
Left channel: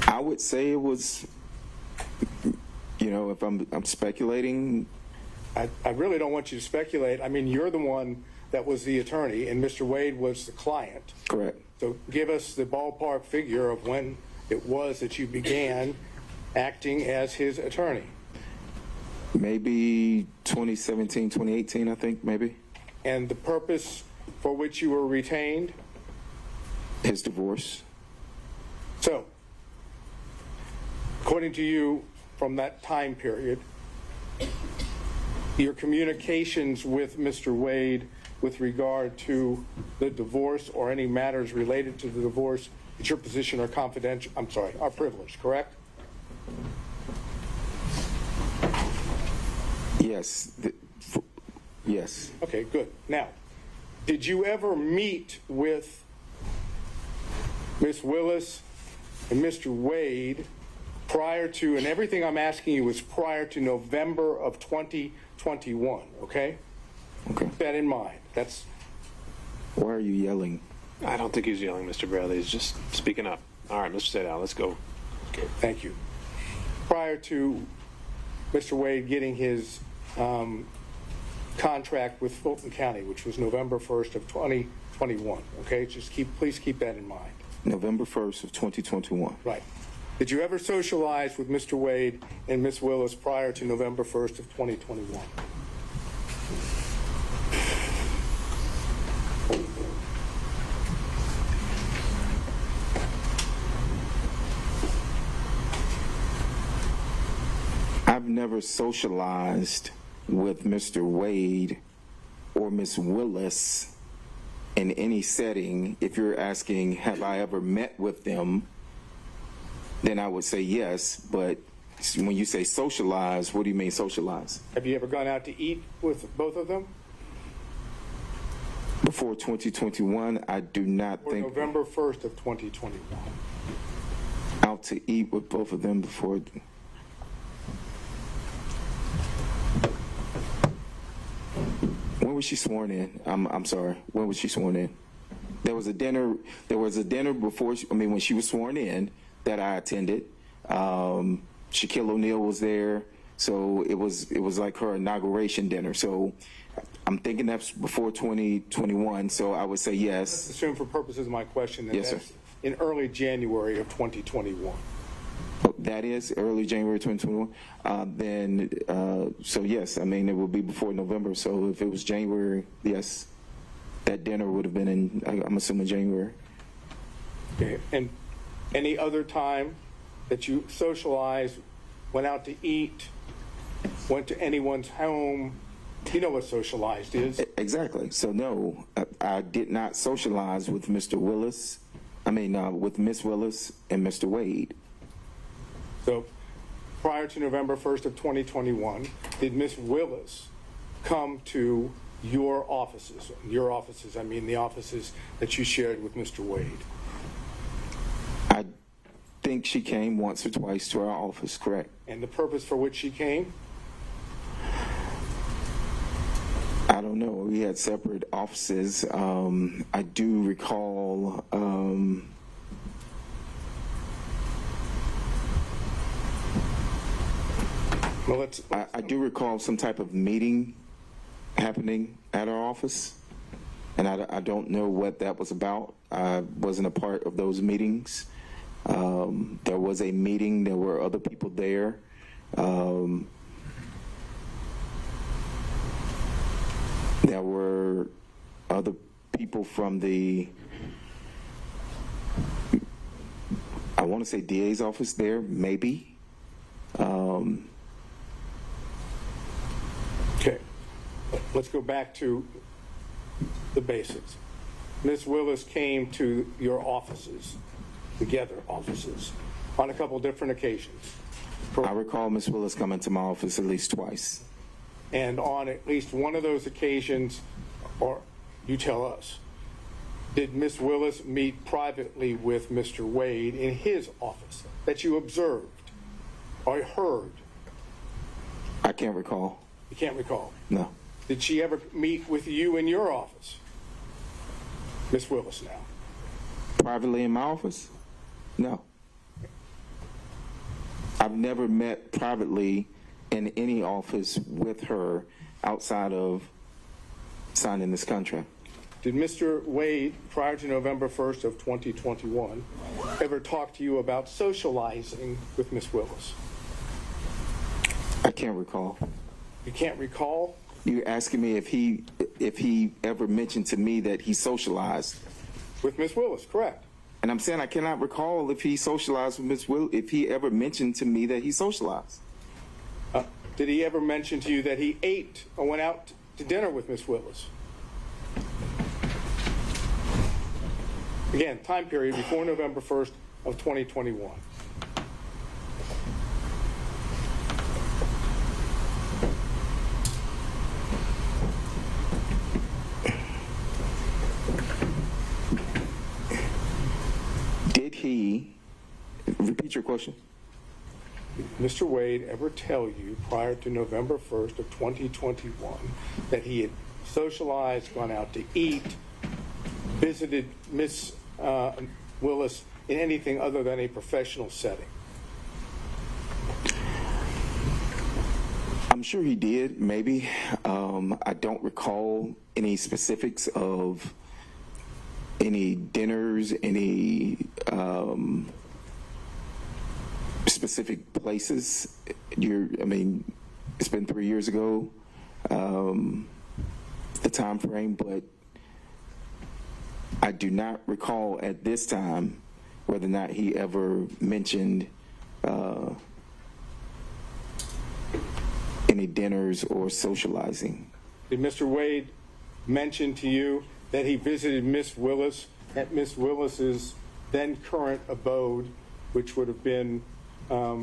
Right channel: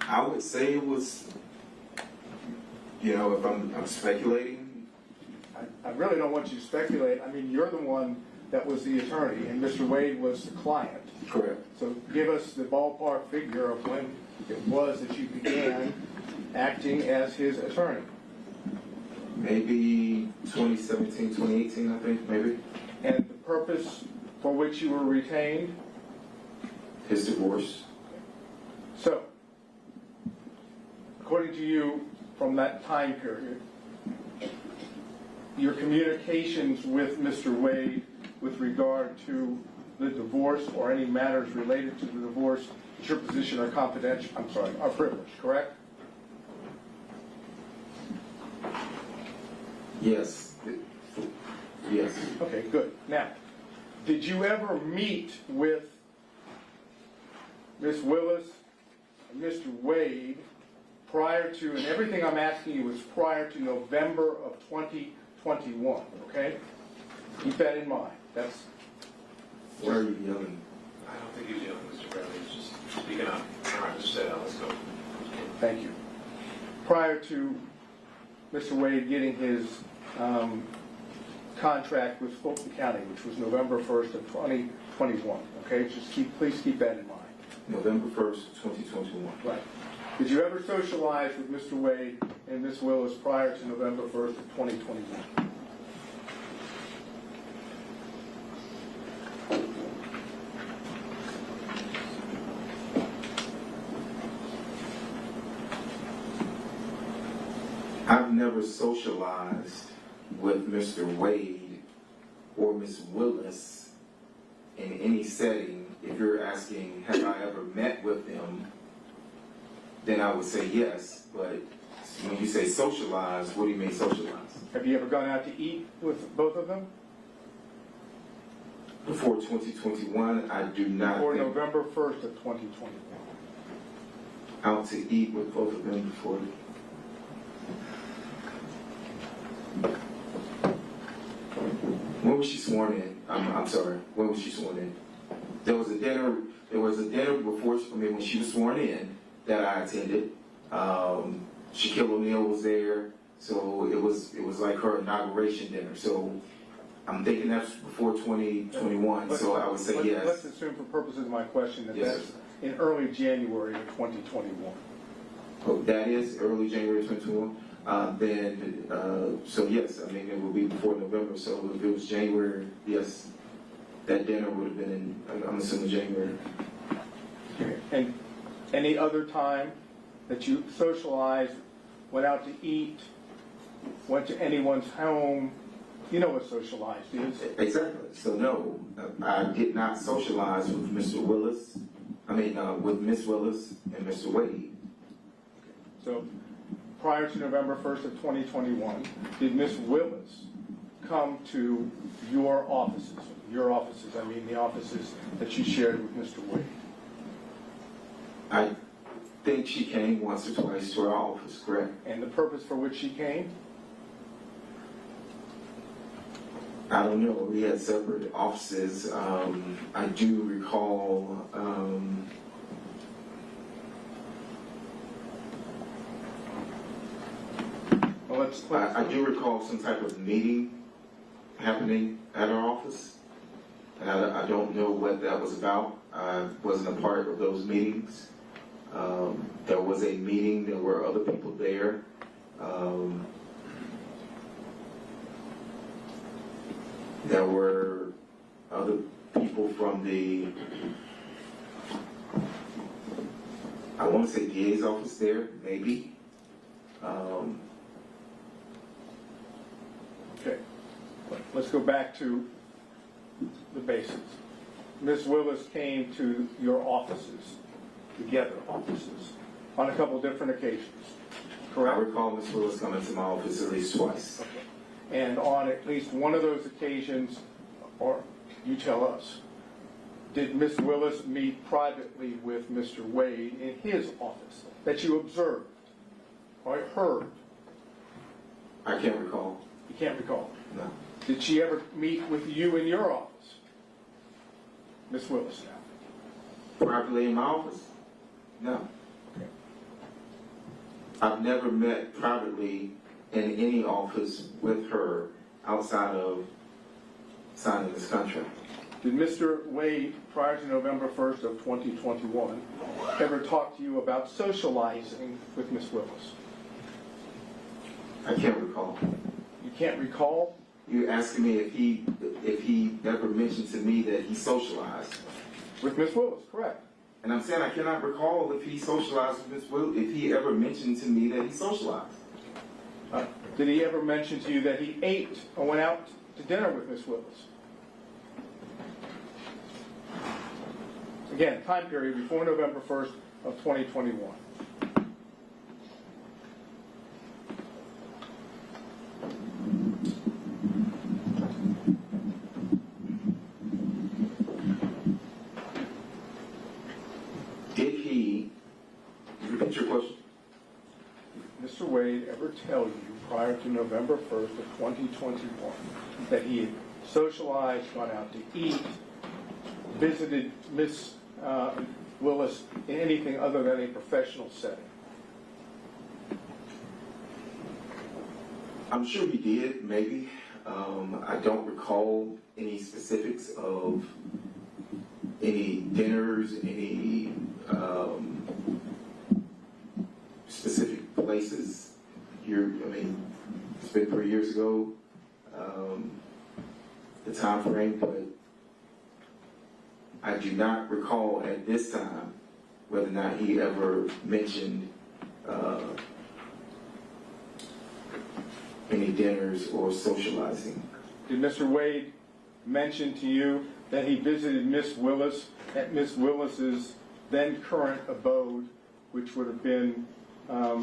I would say it was, if I'm speculating. I really don't want you to speculate. I mean, you're the one that was the attorney and Mr. Wade was the client. Correct. So give us the ballpark figure of when it was that you began acting as his attorney. Maybe 2017, 2018, I think, maybe. And the purpose for which you were retained? His divorce. So, according to you, from that time period, your communications with Mr. Wade with regard to the divorce or any matters related to the divorce, it's your position are confidential, are privileged, correct? Yes. Yes. Okay, good. Now, did you ever meet with Ms. Willis and Mr. Wade prior to, and everything I'm asking you is prior to November of 2021, okay? Keep that in mind. That's. Why are you yelling? I don't think he's yelling, Mr. Bradley. He's just speaking up. All right, Mr. Seda, let's go. Thank you. Prior to Mr. Wade getting his contract with Fulton County, which was November 1st of 2021, okay? Just please keep that in mind. November 1st of 2021. Right. Did you ever socialize with Mr. Wade and Ms. Willis prior to November 1st of 2021? I've never socialized with Mr. Wade or Ms. Willis in any setting. If you're asking, have I ever met with them, then I would say yes. But when you say socialize, what do you mean socialize? Have you ever gone out to eat with both of them? Before 2021, I do not Or think November 1st of 2021? out to eat with both of them before. When was she sworn in? I'm sorry. When was she sworn in? There was a dinner. There was a dinner before. When she was sworn in that I attended. Shaquille O'Neal was there, so it was like her inauguration dinner. So I'm thinking that's before 2021. So I would say Let's yes. assume for purposes of my question that Yes, sir. that's in early January of 2021. That is early January 2021. So yes, it will be before November. So if it was January, yes, that dinner would have been in, I'm assuming January. Okay. And any other time that you socialized, went out to eat, went to anyone's home, you know what socialized is? Exactly. So no, I did not socialize with Mr. Willis. With Miss Willis and Mr. Wade. So prior to November 1st of 2021, did Miss Willis come to your offices? Your offices, the offices that you shared with Mr. Wade. I think she came once or twice to our office, correct? And the purpose for which she came? I don't know. We had separate offices. I do recall. Well, I do recall some type of meeting happening at our office, and I don't know what that was about. I wasn't a part of those meetings. There was a meeting. There were other people there. There were other people from the, I want to say DA's office there, maybe. Okay, let's go back to the basics. Ms. Willis came to your offices, together offices, on a couple different occasions, I correct? recall Miss Willis coming to my office at least twice. And on at least one of those occasions, or you tell us, did Ms. Willis meet privately with Mr. Wade in his office that you observed or heard? I can't recall. You can't recall. No. Did she ever meet with you in your office? Ms. Willis now. Privately in my office? No. I've never met privately in any office with her outside of signing this contract. Did Mr. Wade, prior to November 1st of 2021, ever talk to you about socializing with Ms. Willis? I can't recall. You can't recall? You're asking me if he ever mentioned to me that he socialized. With Ms. Willis, correct. And I'm saying I cannot recall if he socialized with Miss Will, if he ever mentioned to me that he socialized. Did he ever mention to you that he ate or went out to dinner with Ms. Willis? Again, time period before November 1st of 2021. Did he, repeat your question? Mr. Wade ever tell you prior to November 1st of 2021 that he had socialized, gone out to eat, visited Miss Willis in anything other than a professional setting? I'm sure he did, maybe. I don't recall any specifics of any dinners, any specific places. It's been 3 years ago, the time frame, but I do not recall at this time whether or not he ever mentioned any dinners or socializing. Did Mr. Wade mention to you that he visited Miss Willis at Miss Willis's then current abode, which would have been a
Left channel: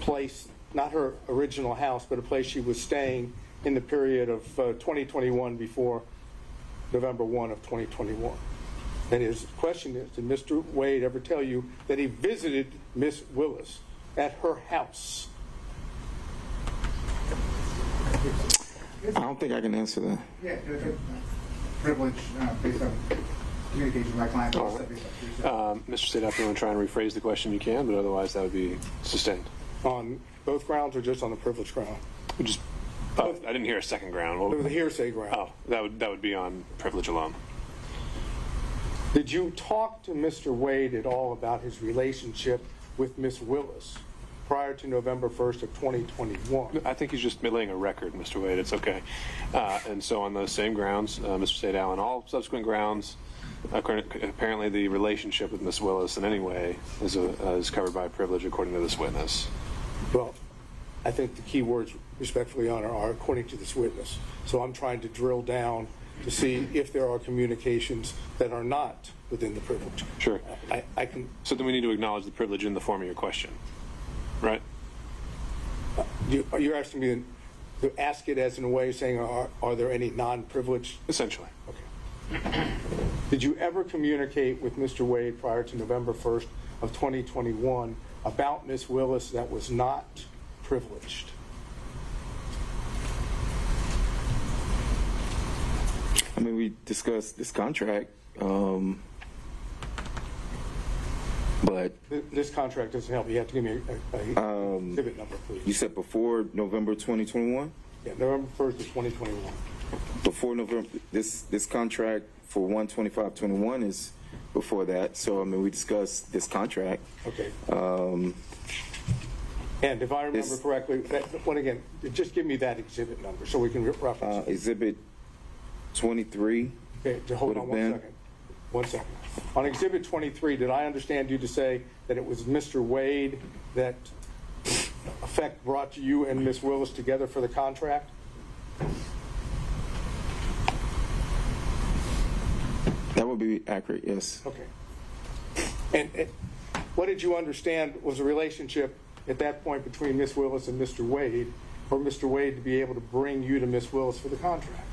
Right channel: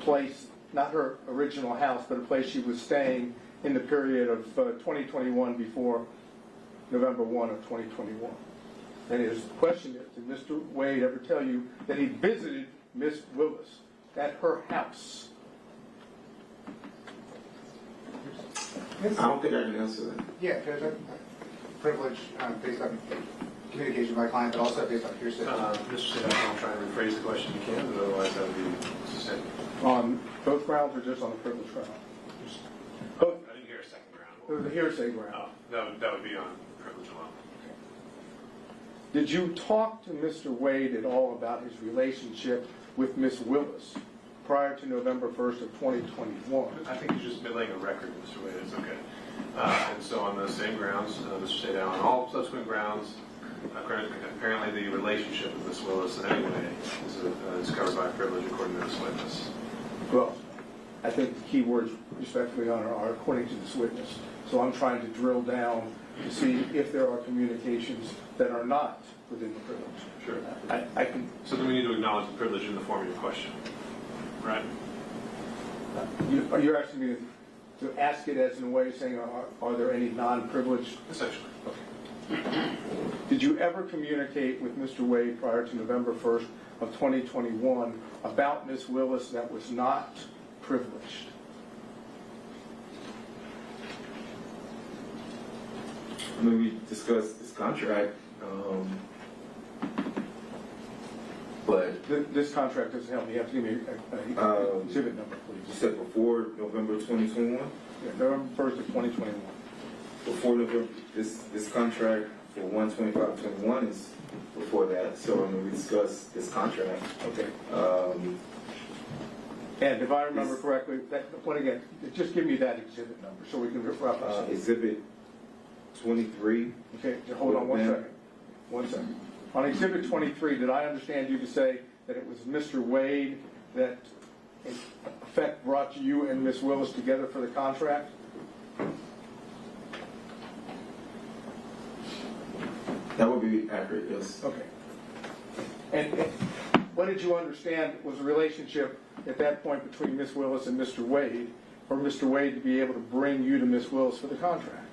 place, not her original house, but a place she was staying in the period of 2021 before November 1 of 2021. And his question is, did Mr. Wade ever tell you that he visited Miss Willis at her house? I don't think I can answer that. Yeah, privilege based on communication with my client, but also based on hearsay. Mr. State, if you want to try and rephrase the question, you can, but otherwise that would be sustained. On both grounds or just on the privilege ground? Just, I didn't hear a second ground. What The would- hearsay ground. Oh, that would be on privilege alone. Did you talk to Mr. Wade at all about his relationship with Miss Willis prior to November 1st of 2021? I think he's just laying a record, Mr. Wade. It's okay. And so on those same grounds, Mr. State, on all subsequent grounds, apparently the relationship with Miss Willis in any way is covered by privilege according to this witness. Well, I think the key words, respectfully, Your Honor, are according to this witness. So I'm trying to drill down to see if there are communications that are not within the privilege. Sure. I can, So then we need to acknowledge the privilege in the form of your question, right? you're asking me to ask it as in a way saying, are there any non-privileged? Essentially. Did you ever communicate with Mr. Wade prior to November 1st of 2021 about Miss Willis that was not privileged? I mean, we discussed this contract, but This contract doesn't help. You have to give me a exhibit number, you please. said before November 2021? Yeah, November 1st of 2021. Before November, this contract for 1/25/21 is before that. So I mean, we discussed this contract. Okay. And if I remember This- correctly, when again, just give me that exhibit number so we can reference it. Exhibit 23. Okay, so hold on one Ma'am. second. 1 second. On exhibit 23, did I understand you to say that it was Mr. Wade that in effect brought you and Miss Willis together for the contract? That would be accurate, yes. Okay. And what did you understand was the relationship at that point between Miss Willis and Mr. Wade for Mr. Wade to be able to bring you to Miss Willis for the contract?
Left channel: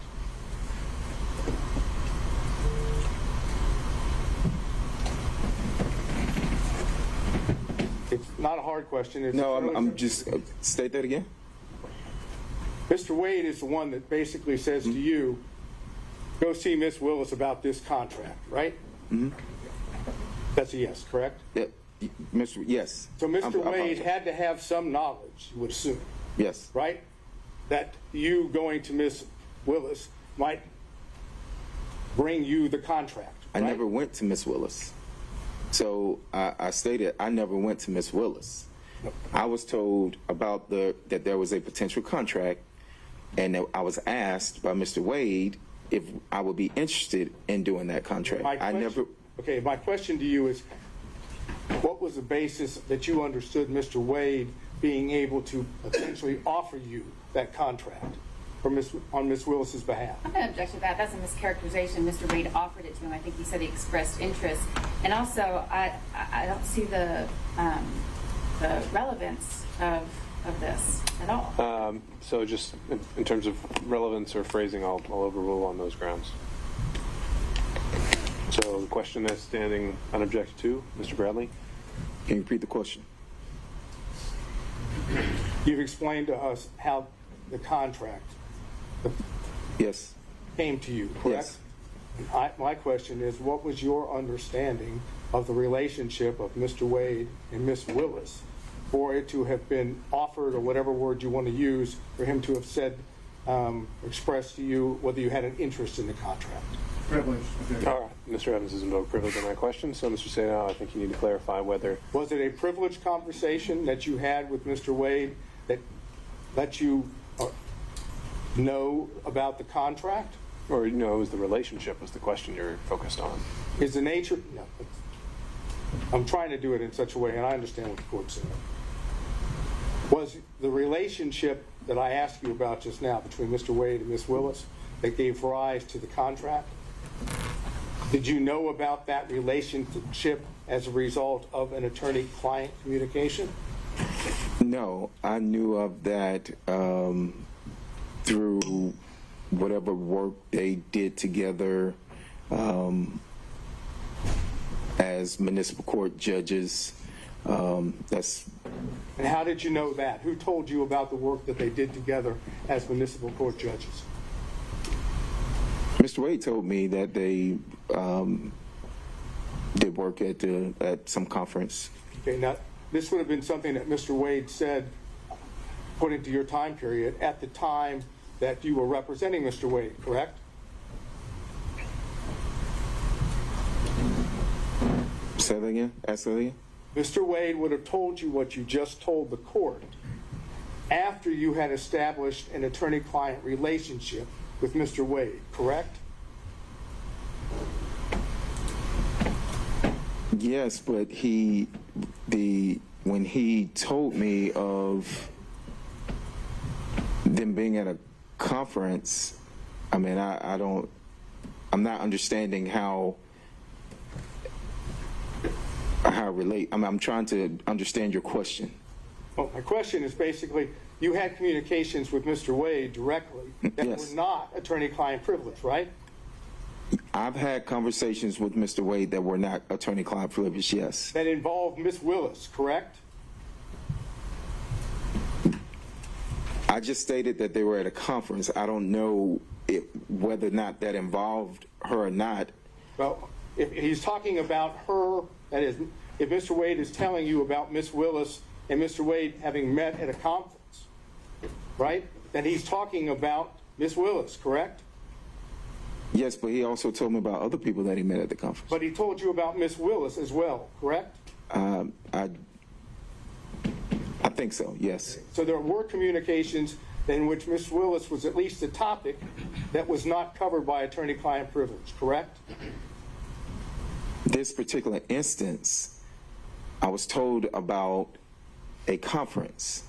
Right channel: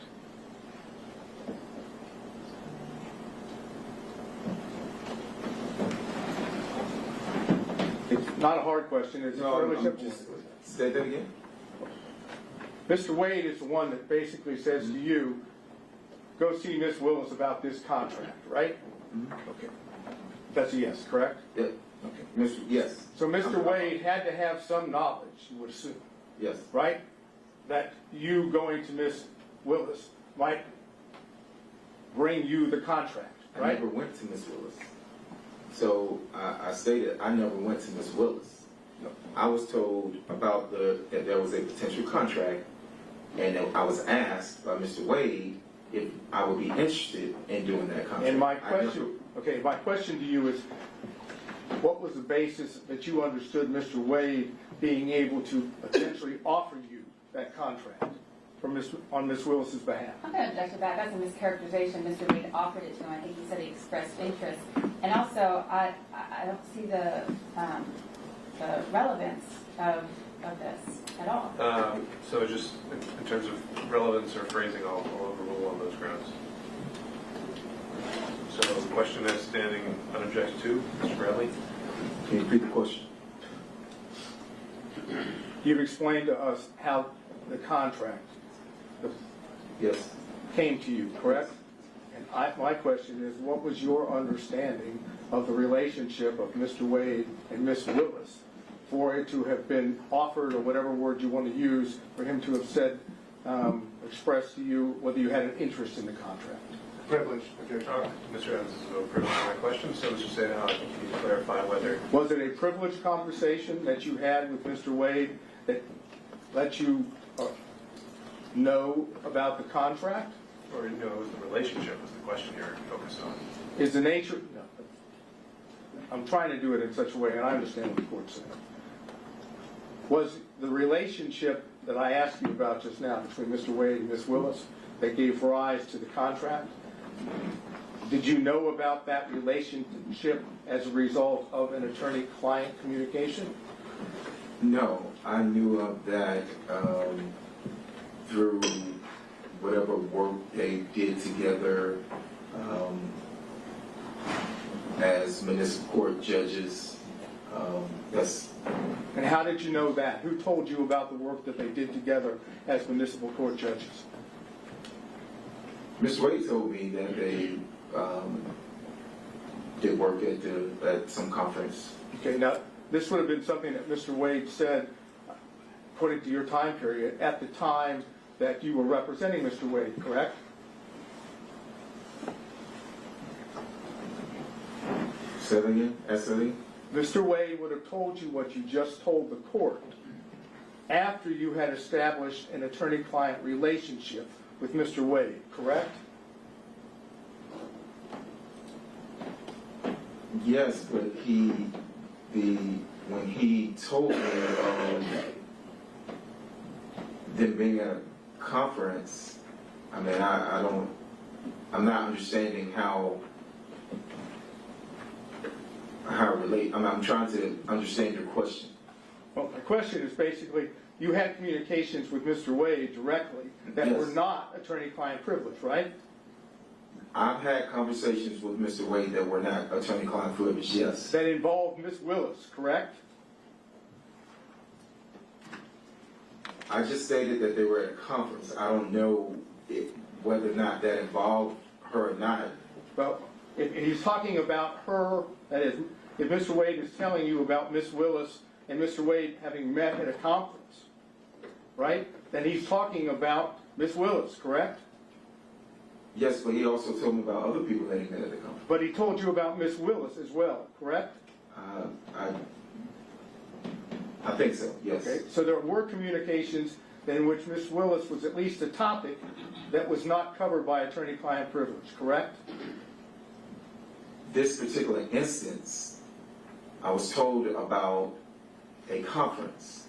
It's not a hard question. It's No, fairly I'm simple. just, state that again? Mr. Wade is the one that basically says to you, go see Miss Willis about this contract, right? Mm-hmm. Okay. That's a yes, correct? Yeah, Mr. Yes. So Mr. I'm- Wade had to have some knowledge, you would assume, Yes. right? That you going to Miss Willis might bring you the contract, I right? never went to Miss Willis. So I stated I never went to Miss Willis. No. I was told about that there was a potential contract, and that I was asked by Mr. Wade if I would be interested in doing that contract. And my I question, never. okay, my question to you is, what was the basis that you understood Mr. Wade being able to essentially offer you that contract on Miss Willis's behalf? I'm going to object to that. That's a mischaracterization. Mr. Wade offered it to him. I think he said he expressed interest. And also, I don't see the relevance of this at all. So just in terms of relevance or phrasing, I'll overrule on those grounds. So the question is standing unobjected to, Mr. Bradley? Can you repeat the question? You've explained to us how the contract Yes. came to you, correct? Yes. And my question is, what was your understanding of the relationship of Mr. Wade and Miss Willis for it to have been offered, or whatever word you want to use, for him to have said, expressed to you whether you had an interest in the contract? Privilege. All right. Mr. Evans isn't over privilege in my question, so Mr. Sadal, I think you need to clarify whether Was it a privileged conversation that you had with Mr. Wade that let you know about the contract? or no, it was the relationship was the question you're focused on. Is the nature, no, I'm trying to do it in such a way, and I understand what the court said. Was the relationship that I asked you about just now between Mr. Wade and Ms. Willis that gave rise to the contract? Did you know about that relationship as a result of an attorney-client communication? No, I knew of that through whatever work they did together as municipal court judges. That's And how did you know that? Who told you about the work that they did together as municipal court judges? Mr. Wade told me that they did work at some conference. Okay, now, this would have been something that Mr. Wade said, according to your time period, at the time that you were representing Mr. Wade, correct? Say that again? Ask that again? Mr. Wade would have told you what you just told the court after you had established an attorney-client relationship with Mr. Wade, correct? Yes, but when he told me of them being at a conference, I mean, I'm not understanding how relate. I'm trying to understand your question. Well, my question is basically, you had communications with Mr. Wade directly that Yes. were not attorney-client privilege, right? I've had conversations with Mr. Wade that were not attorney-client privileged, yes. That involved Ms. Willis, correct? I just stated that they were at a conference. I don't know whether or not that involved her or not. Well, if he's talking about her, that is, if Mr. Wade is telling you about Ms. Willis and Mr. Wade having met at a conference, right? Then he's talking about Ms. Willis, correct? Yes, but he also told me about other people that he met at the conference. But he told you about Ms. Willis as well, correct? I think so, yes. Okay. So there were communications in which Ms. Willis was at least a topic that was not covered by attorney-client privilege, correct? This particular instance, I was told about a conference.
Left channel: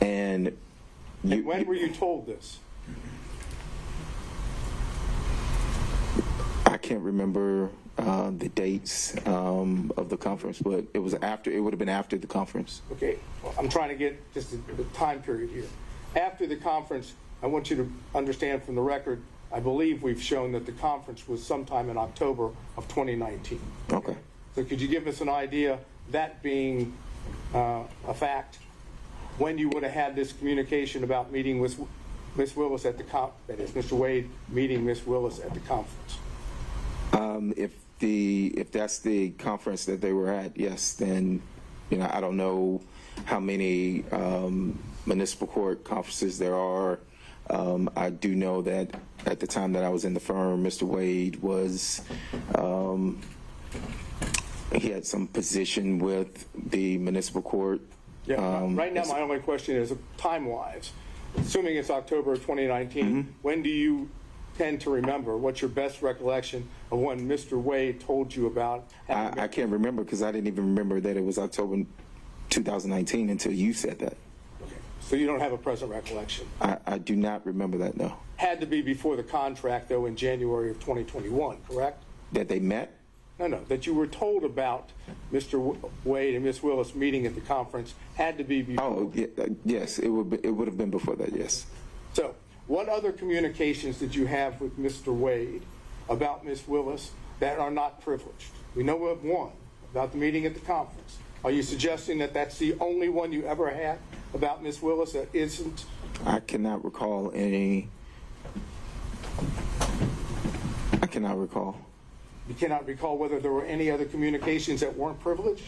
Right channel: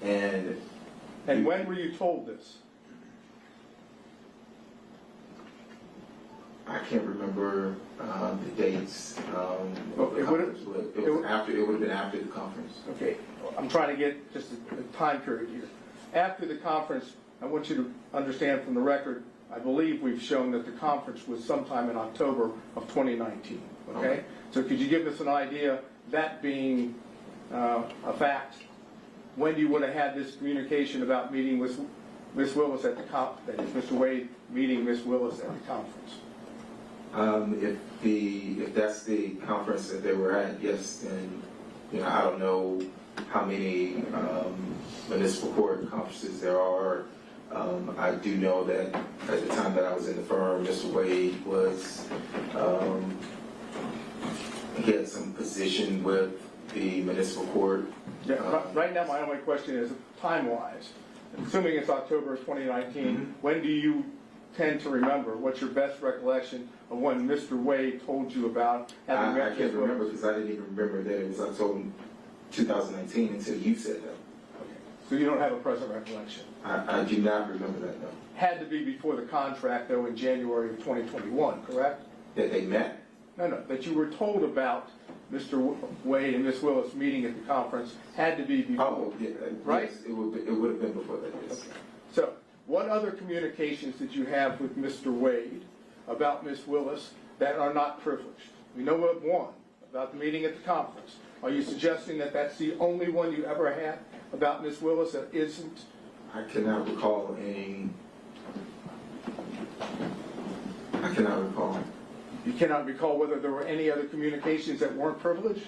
And when were you told this? I can't remember the dates of the Okay, conference, but it would have been after the conference. Okay, well, I'm trying to get just the time period here. After the conference, I want you to understand from the record, I believe we've shown that the conference was sometime in October of 2019, okay? Okay. So could you give us an idea, that being a fact, when you would have had this communication about meeting with Ms. Willis at the that is, Mr. Wade meeting Ms. Willis at the conference? If that's the conference that they were at, yes, then, I don't know how many municipal court conferences there are. I do know that at the time that I was in the firm, Mr. Wade was, he had some position with the municipal court. Yeah, right now my only question is, time-wise, assuming it's October of 2019, when do you tend to remember? What's your best recollection of when Mr. Wade told you about having I met can't Ms. remember Willis? because I didn't even remember that it was October 2019 until you said that. So you don't have a present recollection. I do not remember that, no. Had to be before the contract, though, in January of 2021, correct? That they met? No, that you were told about Mr. Wade and Ms. Willis meeting at the conference had to be before. Oh, yeah, yes, it would have been before that, yes. So, what other communications did you have with Mr. Wade about Ms. Willis that are not privileged? We know of one, about the meeting at the conference. Are you suggesting that that's the only one you ever had about Ms. Willis that isn't? I cannot recall any. I cannot recall. You cannot recall whether there were any other communications that weren't privileged?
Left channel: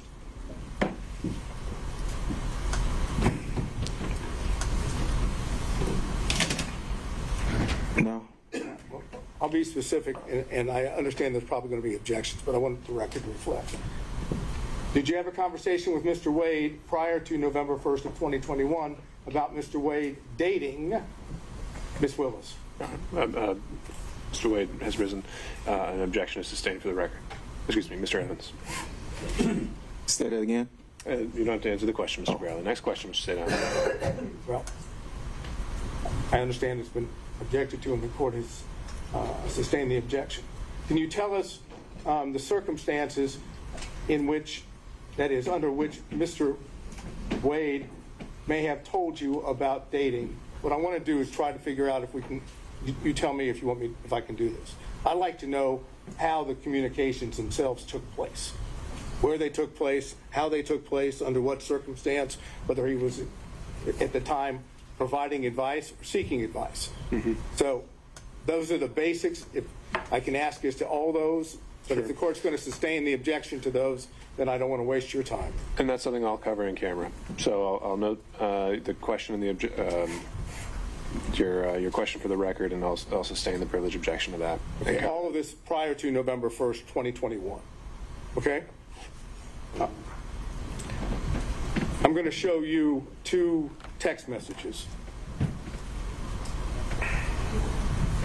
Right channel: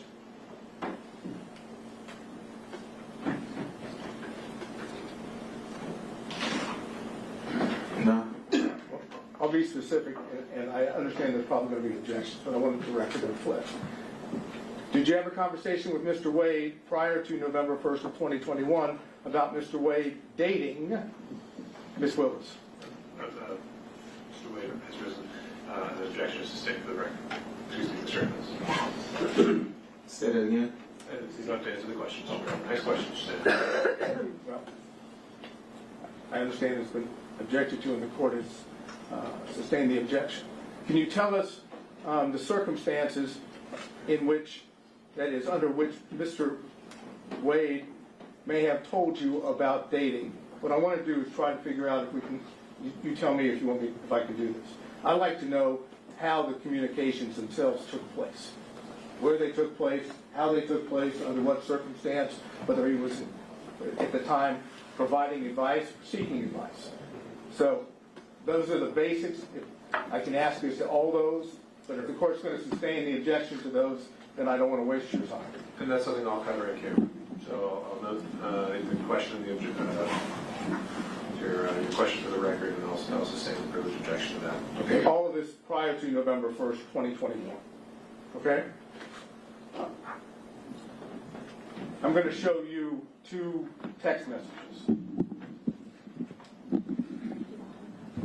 No. I'll be specific, and I understand there's probably going to be objections, but I want the record to reflect. Did you have a conversation with Mr. Wade prior to November 1st of 2021 about Mr. Wade dating Ms. Willis? Mr. Wade has risen. An objection is sustained for the record. Excuse me, Mr. Evans. Say that again. You don't have to answer the question, Mr. Bradley. Next question, just say that. Well, I understand it's been objected to and the court has sustained the objection. Can you tell us the circumstances in which, that is, under which Mr. Wade may have told you about dating what I want to do is try to figure out if we can, you tell me if you want me, if I can do this. I'd like to know how the communications themselves took place, where they took place, how they took place, under what circumstance, whether he was at the time providing advice or seeking advice. So those are the basics. If I can ask you as to all those, but if the court's going to sustain the objection to those, then I don't want to waste your time. And that's something I'll cover in camera. So I'll note the question and your question for the record, and I'll sustain the privilege objection to that. Okay, all of this prior to November 1st, 2021. Okay? I'm going to show you 2 text messages.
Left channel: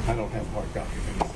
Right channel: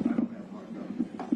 I don't have hard copy.